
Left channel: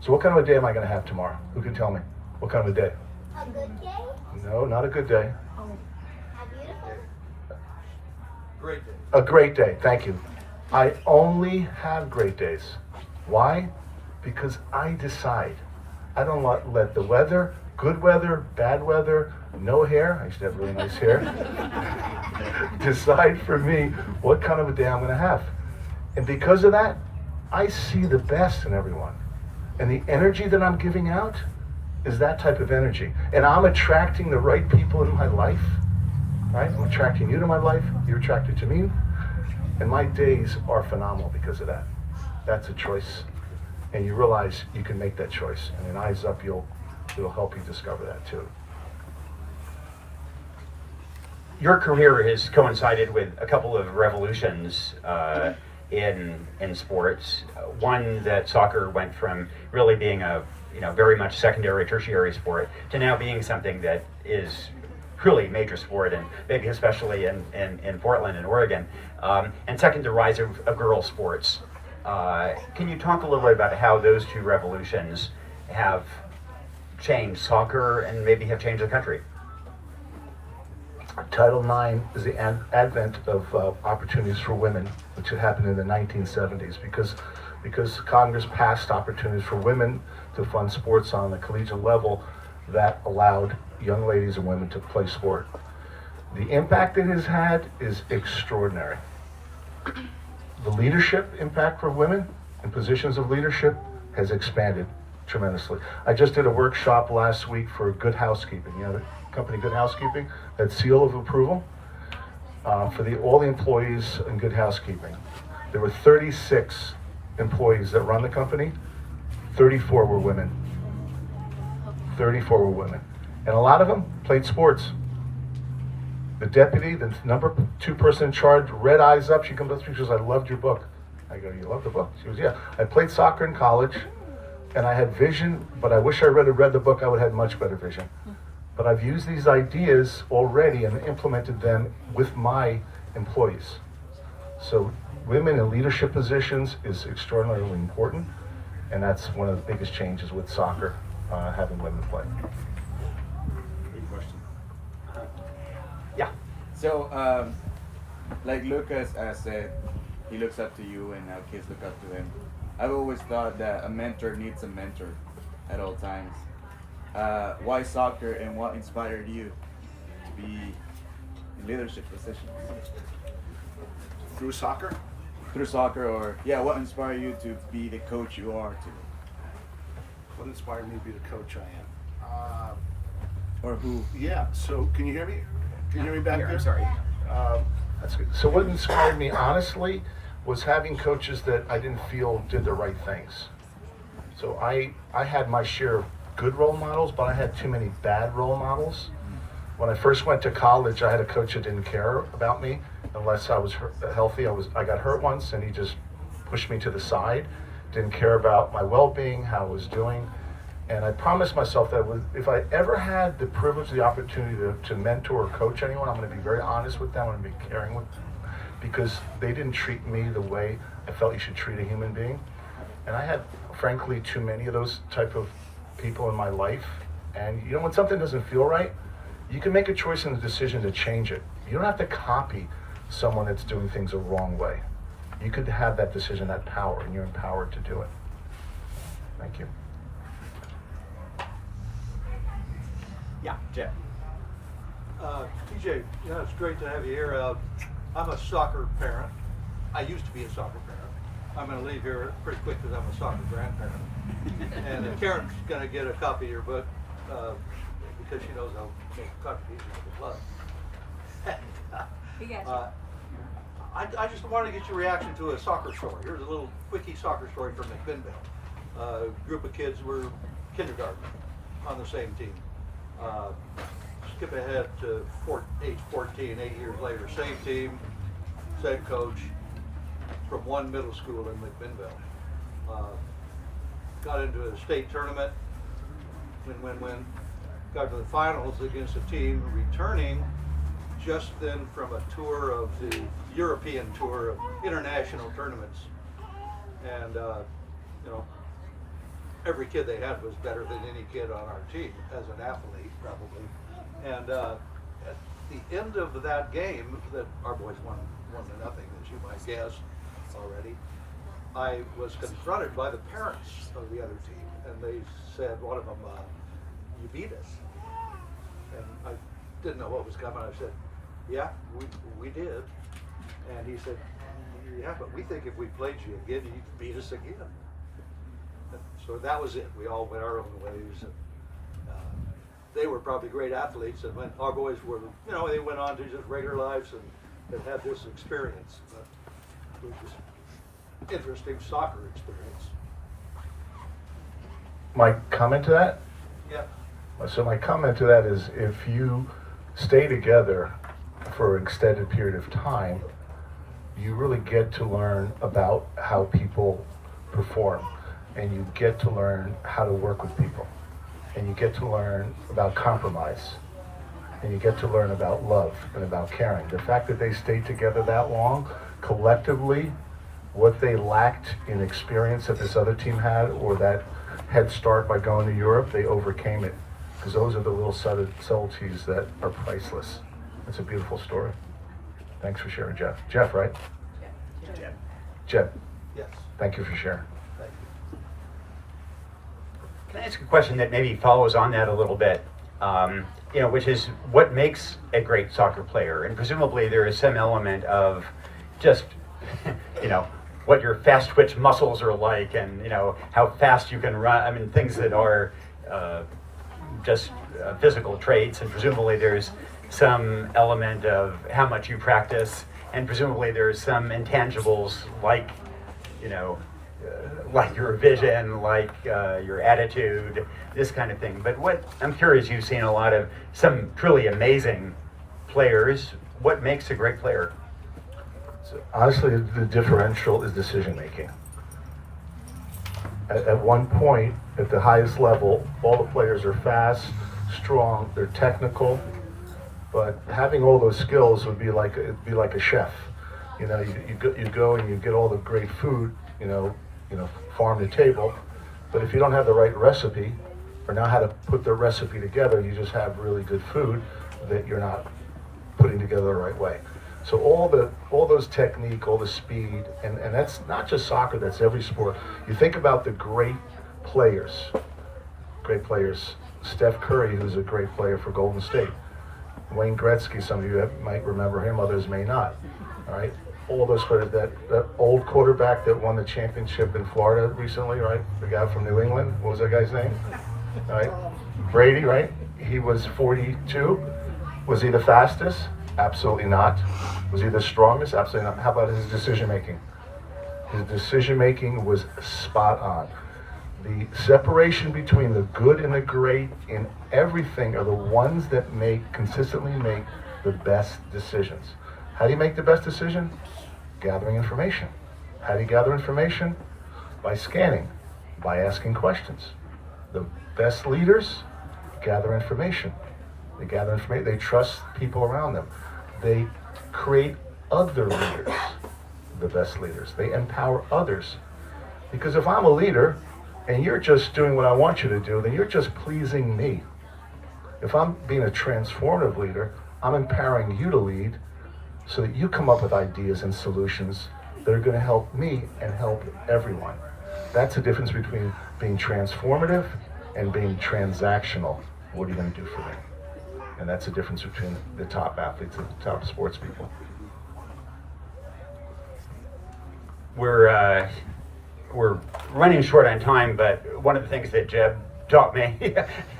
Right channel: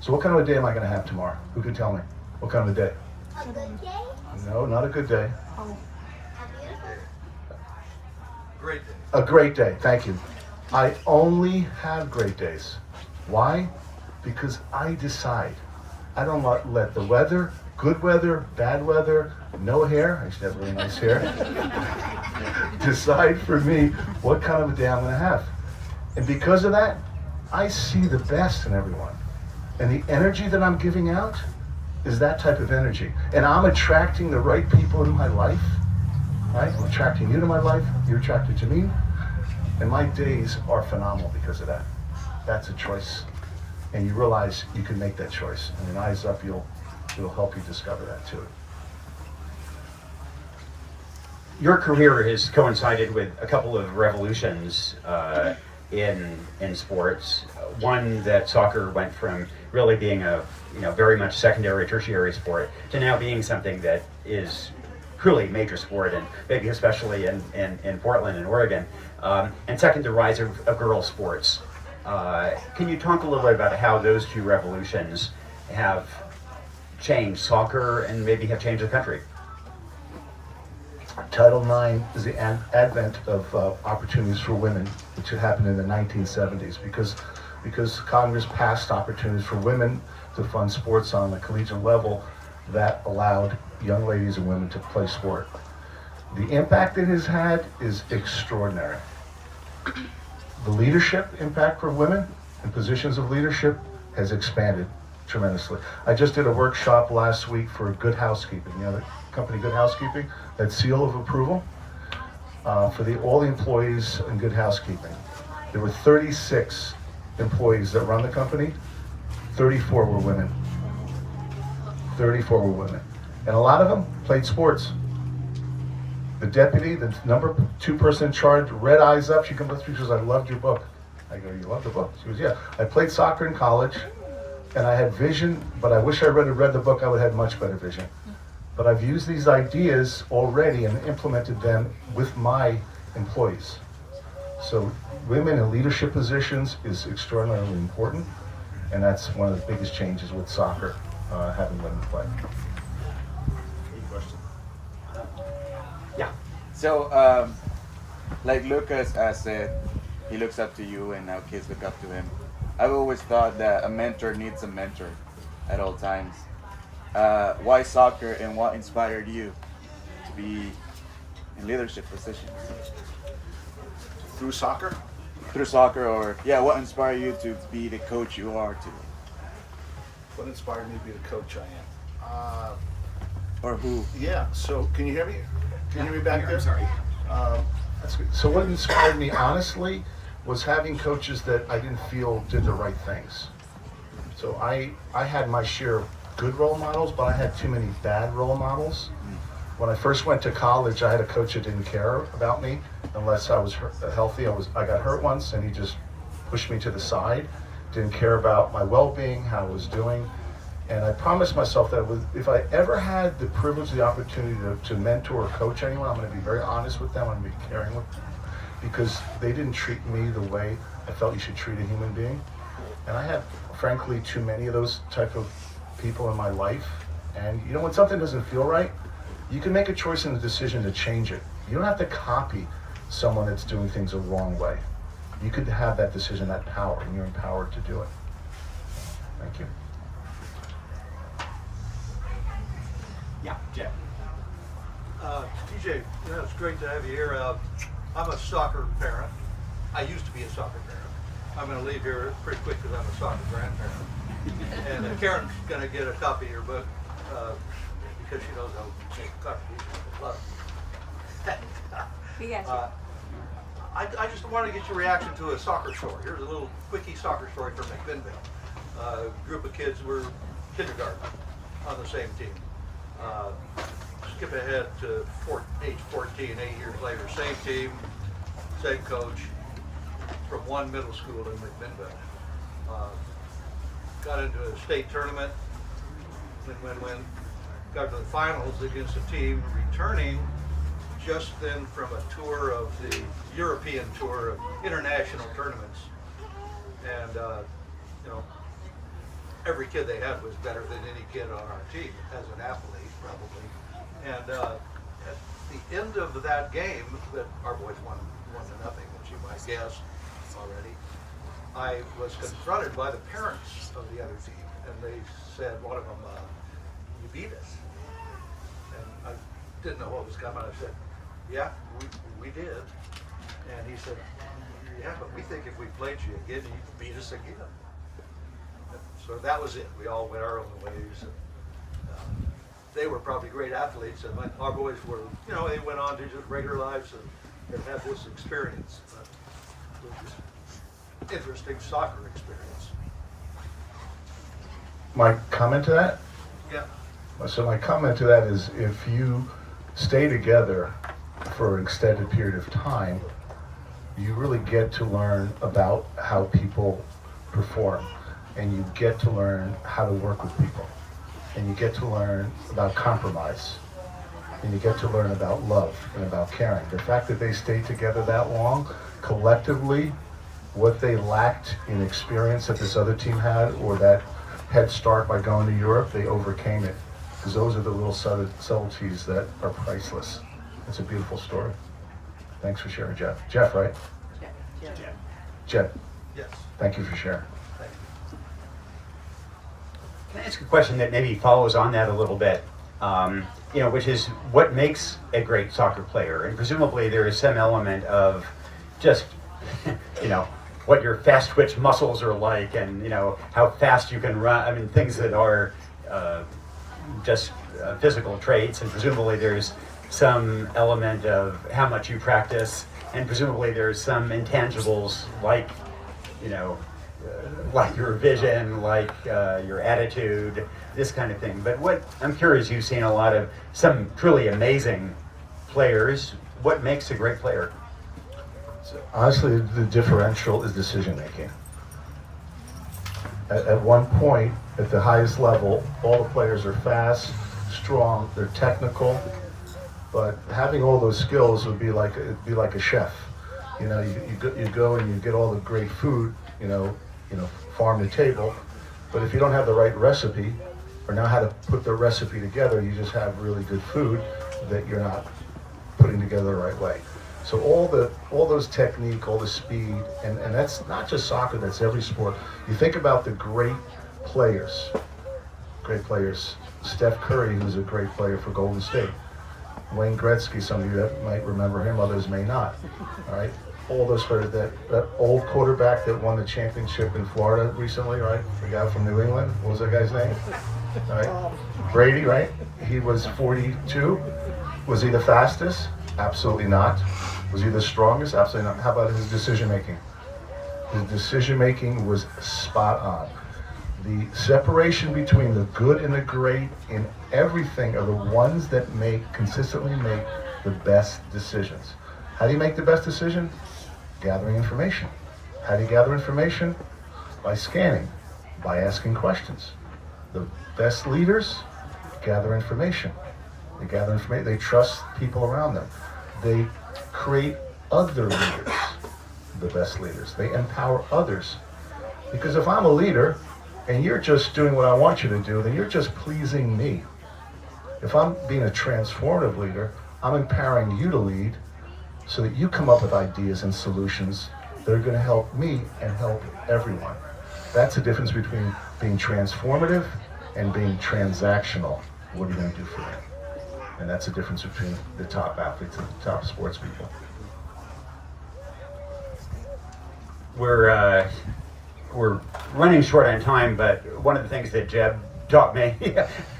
So what kind of a day am I gonna have tomorrow? Who can tell me? What kind of a day? A good day? No, not a good day. Oh. Great day. A great day, thank you. I only have great days. Why? Because I decide. I don't let the weather, good weather, bad weather, no hair, I used to have really nice hair, decide for me what kind of a day I'm gonna have. And because of that, I see the best in everyone. And the energy that I'm giving out is that type of energy. And I'm attracting the right people in my life, right? I'm attracting you to my life, you're attracted to me. And my days are phenomenal because of that. That's a choice. And you realize you can make that choice. And in Eyes Up, it'll help you discover that too. Your career has coincided with a couple of revolutions in sports. One, that soccer went from really being a very much secondary, tertiary sport to now being something that is truly a major sport, and maybe especially in Portland and Oregon. And second, the rise of girls' sports. Can you talk a little bit about how those two revolutions have changed soccer and maybe have changed the country? Title IX is the advent of opportunities for women, which had happened in the 1970s because Congress passed opportunities for women to fund sports on the collegiate level that allowed young ladies and women to play sport. The impact it has had is extraordinary. The leadership impact for women in positions of leadership has expanded tremendously. I just did a workshop last week for Good Housekeeping. You know the company Good Housekeeping? That seal of approval for all the employees in Good Housekeeping. There were 36 employees that run the company. 34 were women. 34 were women. And a lot of them played sports. The deputy, the number 2 person in charge, read Eyes Up. She comes up to me, she goes, I loved your book. I go, you love the book? She goes, yeah. I played soccer in college, and I had vision, but I wish I read the book, I would have had much better vision. But I've used these ideas already and implemented them with my employees. So women in leadership positions is extraordinarily important, and that's one of the biggest changes with soccer, having women play. Good question. Yeah. So, like Lucas said, he looks up to you and kids look up to him. I've always thought that a mentor needs a mentor at all times. Why soccer, and what inspired you to be in leadership positions? Through soccer? Through soccer, or what inspired you to be the coach you are today? What inspired me to be the coach I am? Or who? Yeah, so can you hear me? Can you hear me back there? I'm sorry. That's good. So what inspired me, honestly, was having coaches that I didn't feel did the right things. So I had my share of good role models, but I had too many bad role models. When I first went to college, I had a coach that didn't care about me unless I was healthy. I got hurt once, and he just pushed me to the side. Didn't care about my well-being, how I was doing. And I promised myself that if I ever had the privilege, the opportunity to mentor or coach anyone, I'm going to be very honest with them. I'm going to be caring with them, because they didn't treat me the way I felt you should treat a human being. And I had, frankly, too many of those type of people in my life. And when something doesn't feel right, you can make a choice and a decision to change it. You don't have to copy someone that's doing things the wrong way. You could have that decision, that power, and you're empowered to do it. Thank you. Yeah, Jeff. TJ, it's great to have you here. I'm a soccer parent. I used to be a soccer parent. I'm going to leave here pretty quick because I'm a soccer grandparent. And Karen's going to get a copy of your book because she knows I'll make contributions to the club. I just wanted to get your reaction to a soccer story. Here's a little quickie soccer story from McMinnville. A group of kids were kindergarten on the same team. Skip ahead to age 14, 8 years later, same team, same coach, from one middle school in McMinnville. Got into a state tournament, win. Got to the finals against a team returning just then from a tour of the European tour of international tournaments. And, every kid they had was better than any kid on our team as an athlete, probably. And at the end of that game, that our boys won 1-0, as you might guess already, I was confronted by the parents of the other team, and they said, one of them, you beat us. And I didn't know what was coming. I said, yeah, we did. And he said, yeah, but we think if we played you again, you'd beat us again. So that was it. We all went our own ways. And, they were probably great athletes, and when our boys were, you know, they went on to just regular lives and they've had this experience. But it was just interesting soccer experience. My comment to that? Yeah. So my comment to that is if you stay together for an extended period of time, you really get to learn about how people perform, and you get to learn how to work with people, and you get to learn about compromise, and you get to learn about love and about caring. The fact that they stayed together that long, collectively, what they lacked in experience that this other team had, or that head start by going to Europe, they overcame it. Because those are the little subtleties that are priceless. It's a beautiful story. Thanks for sharing, Jeff. Jeff, right? Jeff. Yes. Thank you for sharing. Thank you. Can I ask a question that maybe follows on that a little bit? Which is what makes a great soccer player? And presumably there is some element of just, what your fast twitch muscles are like, and how fast you can run. I mean, things that are just physical traits, and presumably there's some element of how much you practice, and presumably there's some intangibles like, like your vision, like your attitude, this kind of thing. But what I'm curious, you've seen a lot of some truly amazing players. What makes a great player? So honestly, the differential is decision making. At one point, at the highest level, all the players are fast, strong, they're technical, but having all those skills would be like a chef. You go and you get all the great food, farm to table, but if you don't have the right recipe or know how to put the recipe together, you just have really good food that you're not putting together the right way. So all those technique, all the speed, and that's not just soccer, that's every sport. You think about the great players. Steph Curry, who's a great player for Golden State. Wayne Gretzky, some of you that might remember him, others may not. All right, all those players. That old quarterback that won the championship in Florida recently, right? The guy from New England. What was that guy's name? Right, Brady, right? He was 42. Was he the fastest? Absolutely not. Was he the strongest? Absolutely not. How about his decision making? His decision making was spot on. The separation between the good and the great in everything are the ones that consistently make the best decisions. How do you make the best decision? Gathering information. How do you gather information? By scanning, by asking questions. The best leaders gather information. They gather information, they trust people around them. They create other leaders, the best leaders. They empower others. Because if I'm a leader and you're just doing what I want you to do, then you're just pleasing me. If I'm being a transformative leader, I'm empowering you to lead so that you come up with ideas and solutions that are going to help me and help everyone. That's the difference between being transformative and being transactional. What are you going to do for me? And that's the difference between the top athletes and the top sports people. We're running short on time, but one of the things that Jeb taught me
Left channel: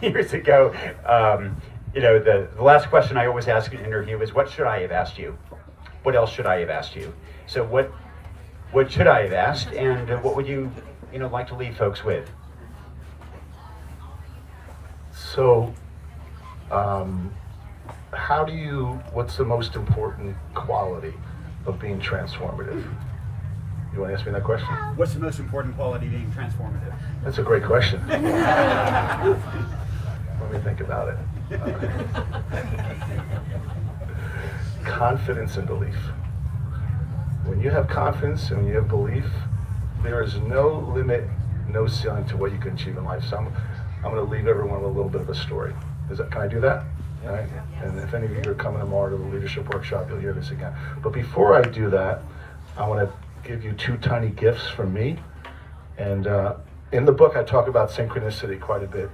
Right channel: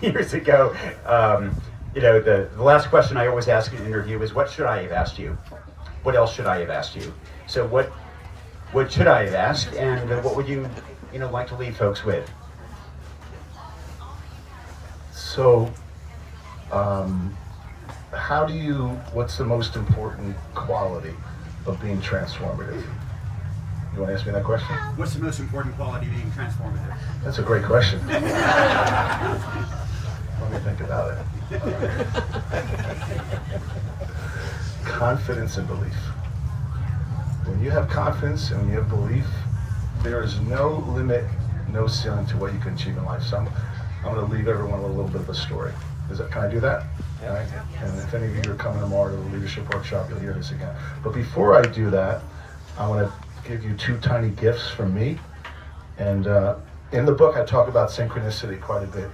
years ago, the last question I always ask in an interview is, what should I have asked you? What else should I have asked you? So what should I have asked, and what would you like to leave folks with? So, what's the most important quality of being transformative? You want to ask me that question? What's the most important quality being transformative? That's a great question. Let me think about it. Confidence and belief. When you have confidence and when you have belief, there is no limit, no ceiling to what you can achieve in life. So I'm going to leave everyone with a little bit of a story. Can I do that? All right. And if any of you are coming tomorrow to the leadership workshop, you'll hear this again. But before I do that, I want to give you two tiny gifts from me. And in the book, I talk about synchronicity quite a bit.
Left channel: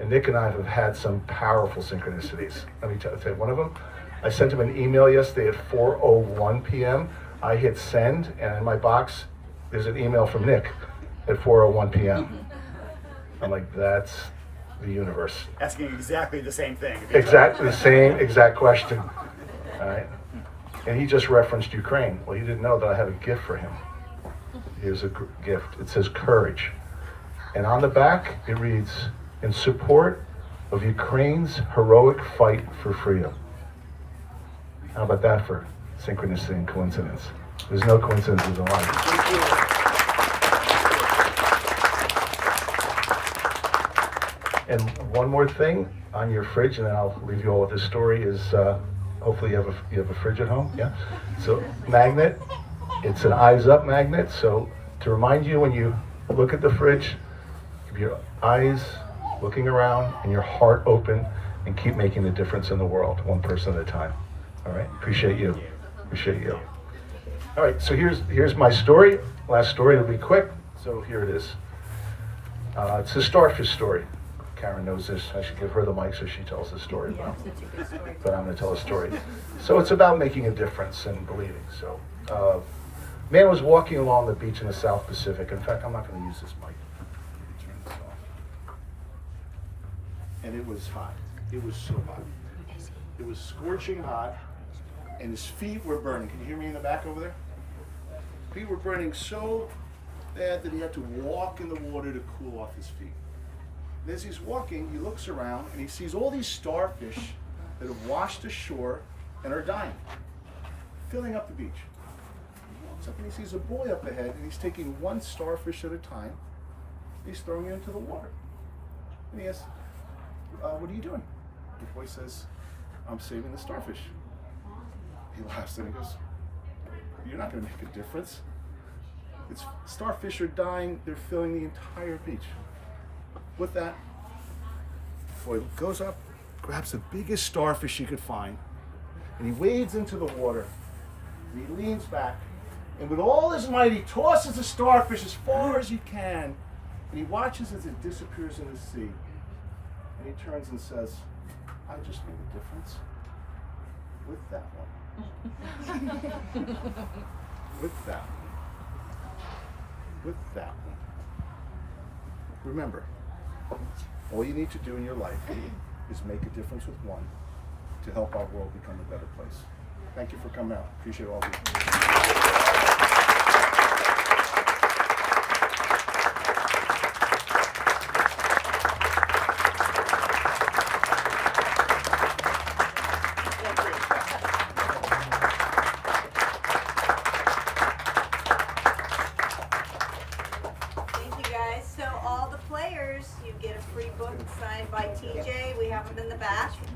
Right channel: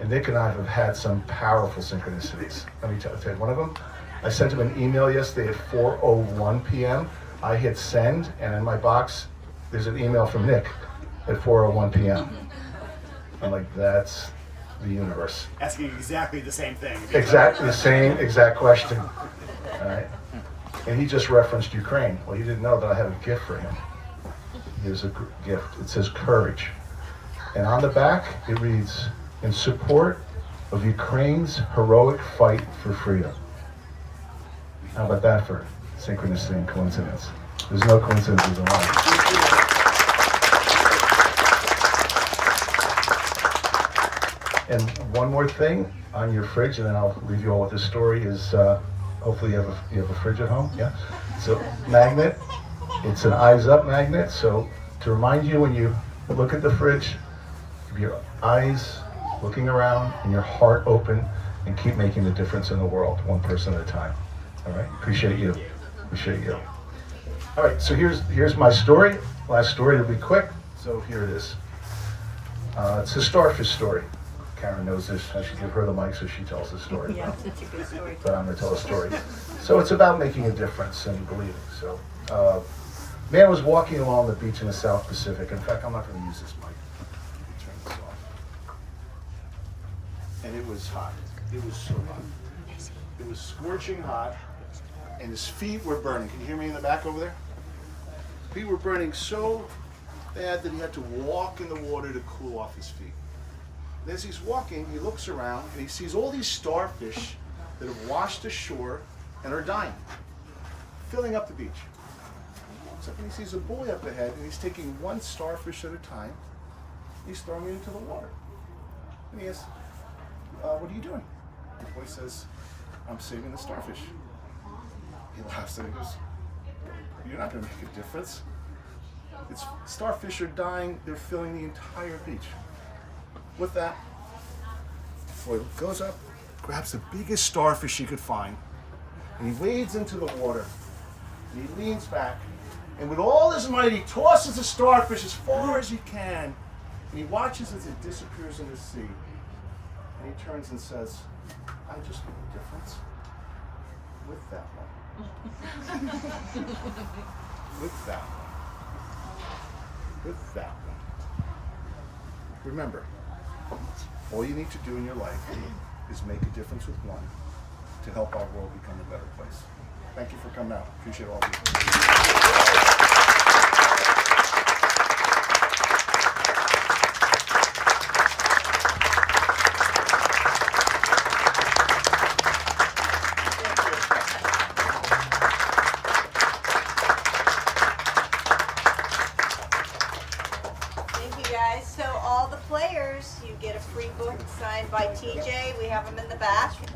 And Nick and I have had some powerful synchronicities. Let me tell you one of them. I sent him an email yesterday at 4:01 p.m. I hit send, and in my box, there's an email from Nick at 4:01 p.m. I'm like, that's the universe. Asking exactly the same thing. Exactly the same exact question. All right. And he just referenced Ukraine. Well, he didn't know that I have a gift for him. Here's a gift. It says courage. And on the back, it reads, in support of Ukraine's heroic fight for freedom. How about that for synchronicity and coincidence? There's no coincidences in life. And one more thing on your fridge, and then I'll leave you all with this story, is hopefully you have a fridge at home, yeah? So magnet, it's an eyes up magnet, so to remind you when you look at the fridge, keep your eyes looking around and your heart open and keep making the difference in the world, one person at a time. All right, appreciate you. Appreciate you. All right, so here's my story. Last story, it'll be quick. So here it is. It's a starfish story. Karen knows this. I should give her the mic so she tells the story. Yeah, it's a good story. But I'm going to tell a story. So it's about making a difference and believing. So, man was walking along the beach in the South Pacific. In fact, I'm not going to use this mic. Turn this off. And it was hot. It was so hot. It was scorching hot, and his feet were burning. Can you hear me in the back over there? Feet were burning so bad that he had to walk in the water to cool off his feet. And as he's walking, he looks around and he sees all these starfish that have washed ashore and are dying, filling up the beach. He walks up and he sees a boy up ahead, and he's taking one starfish at a time. He's throwing it into the water. And he asks, what are you doing? The boy says, I'm saving the starfish. He laughs and he goes, you're not going to make a difference. Starfish are dying, they're filling the entire beach. With that, the boy goes up, grabs the biggest starfish he could find, and he wades into the water, and he leans back, and with all his might, he tosses the starfish as far as he can, and he watches as it disappears in the sea. And he turns and says, I just made a difference with that one. With that one. With that one. Remember, all you need to do in your life is make a difference with one to help our world become a better place. Thank you for coming out. Appreciate all of you. Thank you guys. So all the players, you get a free book signed by TJ. We have them in the back.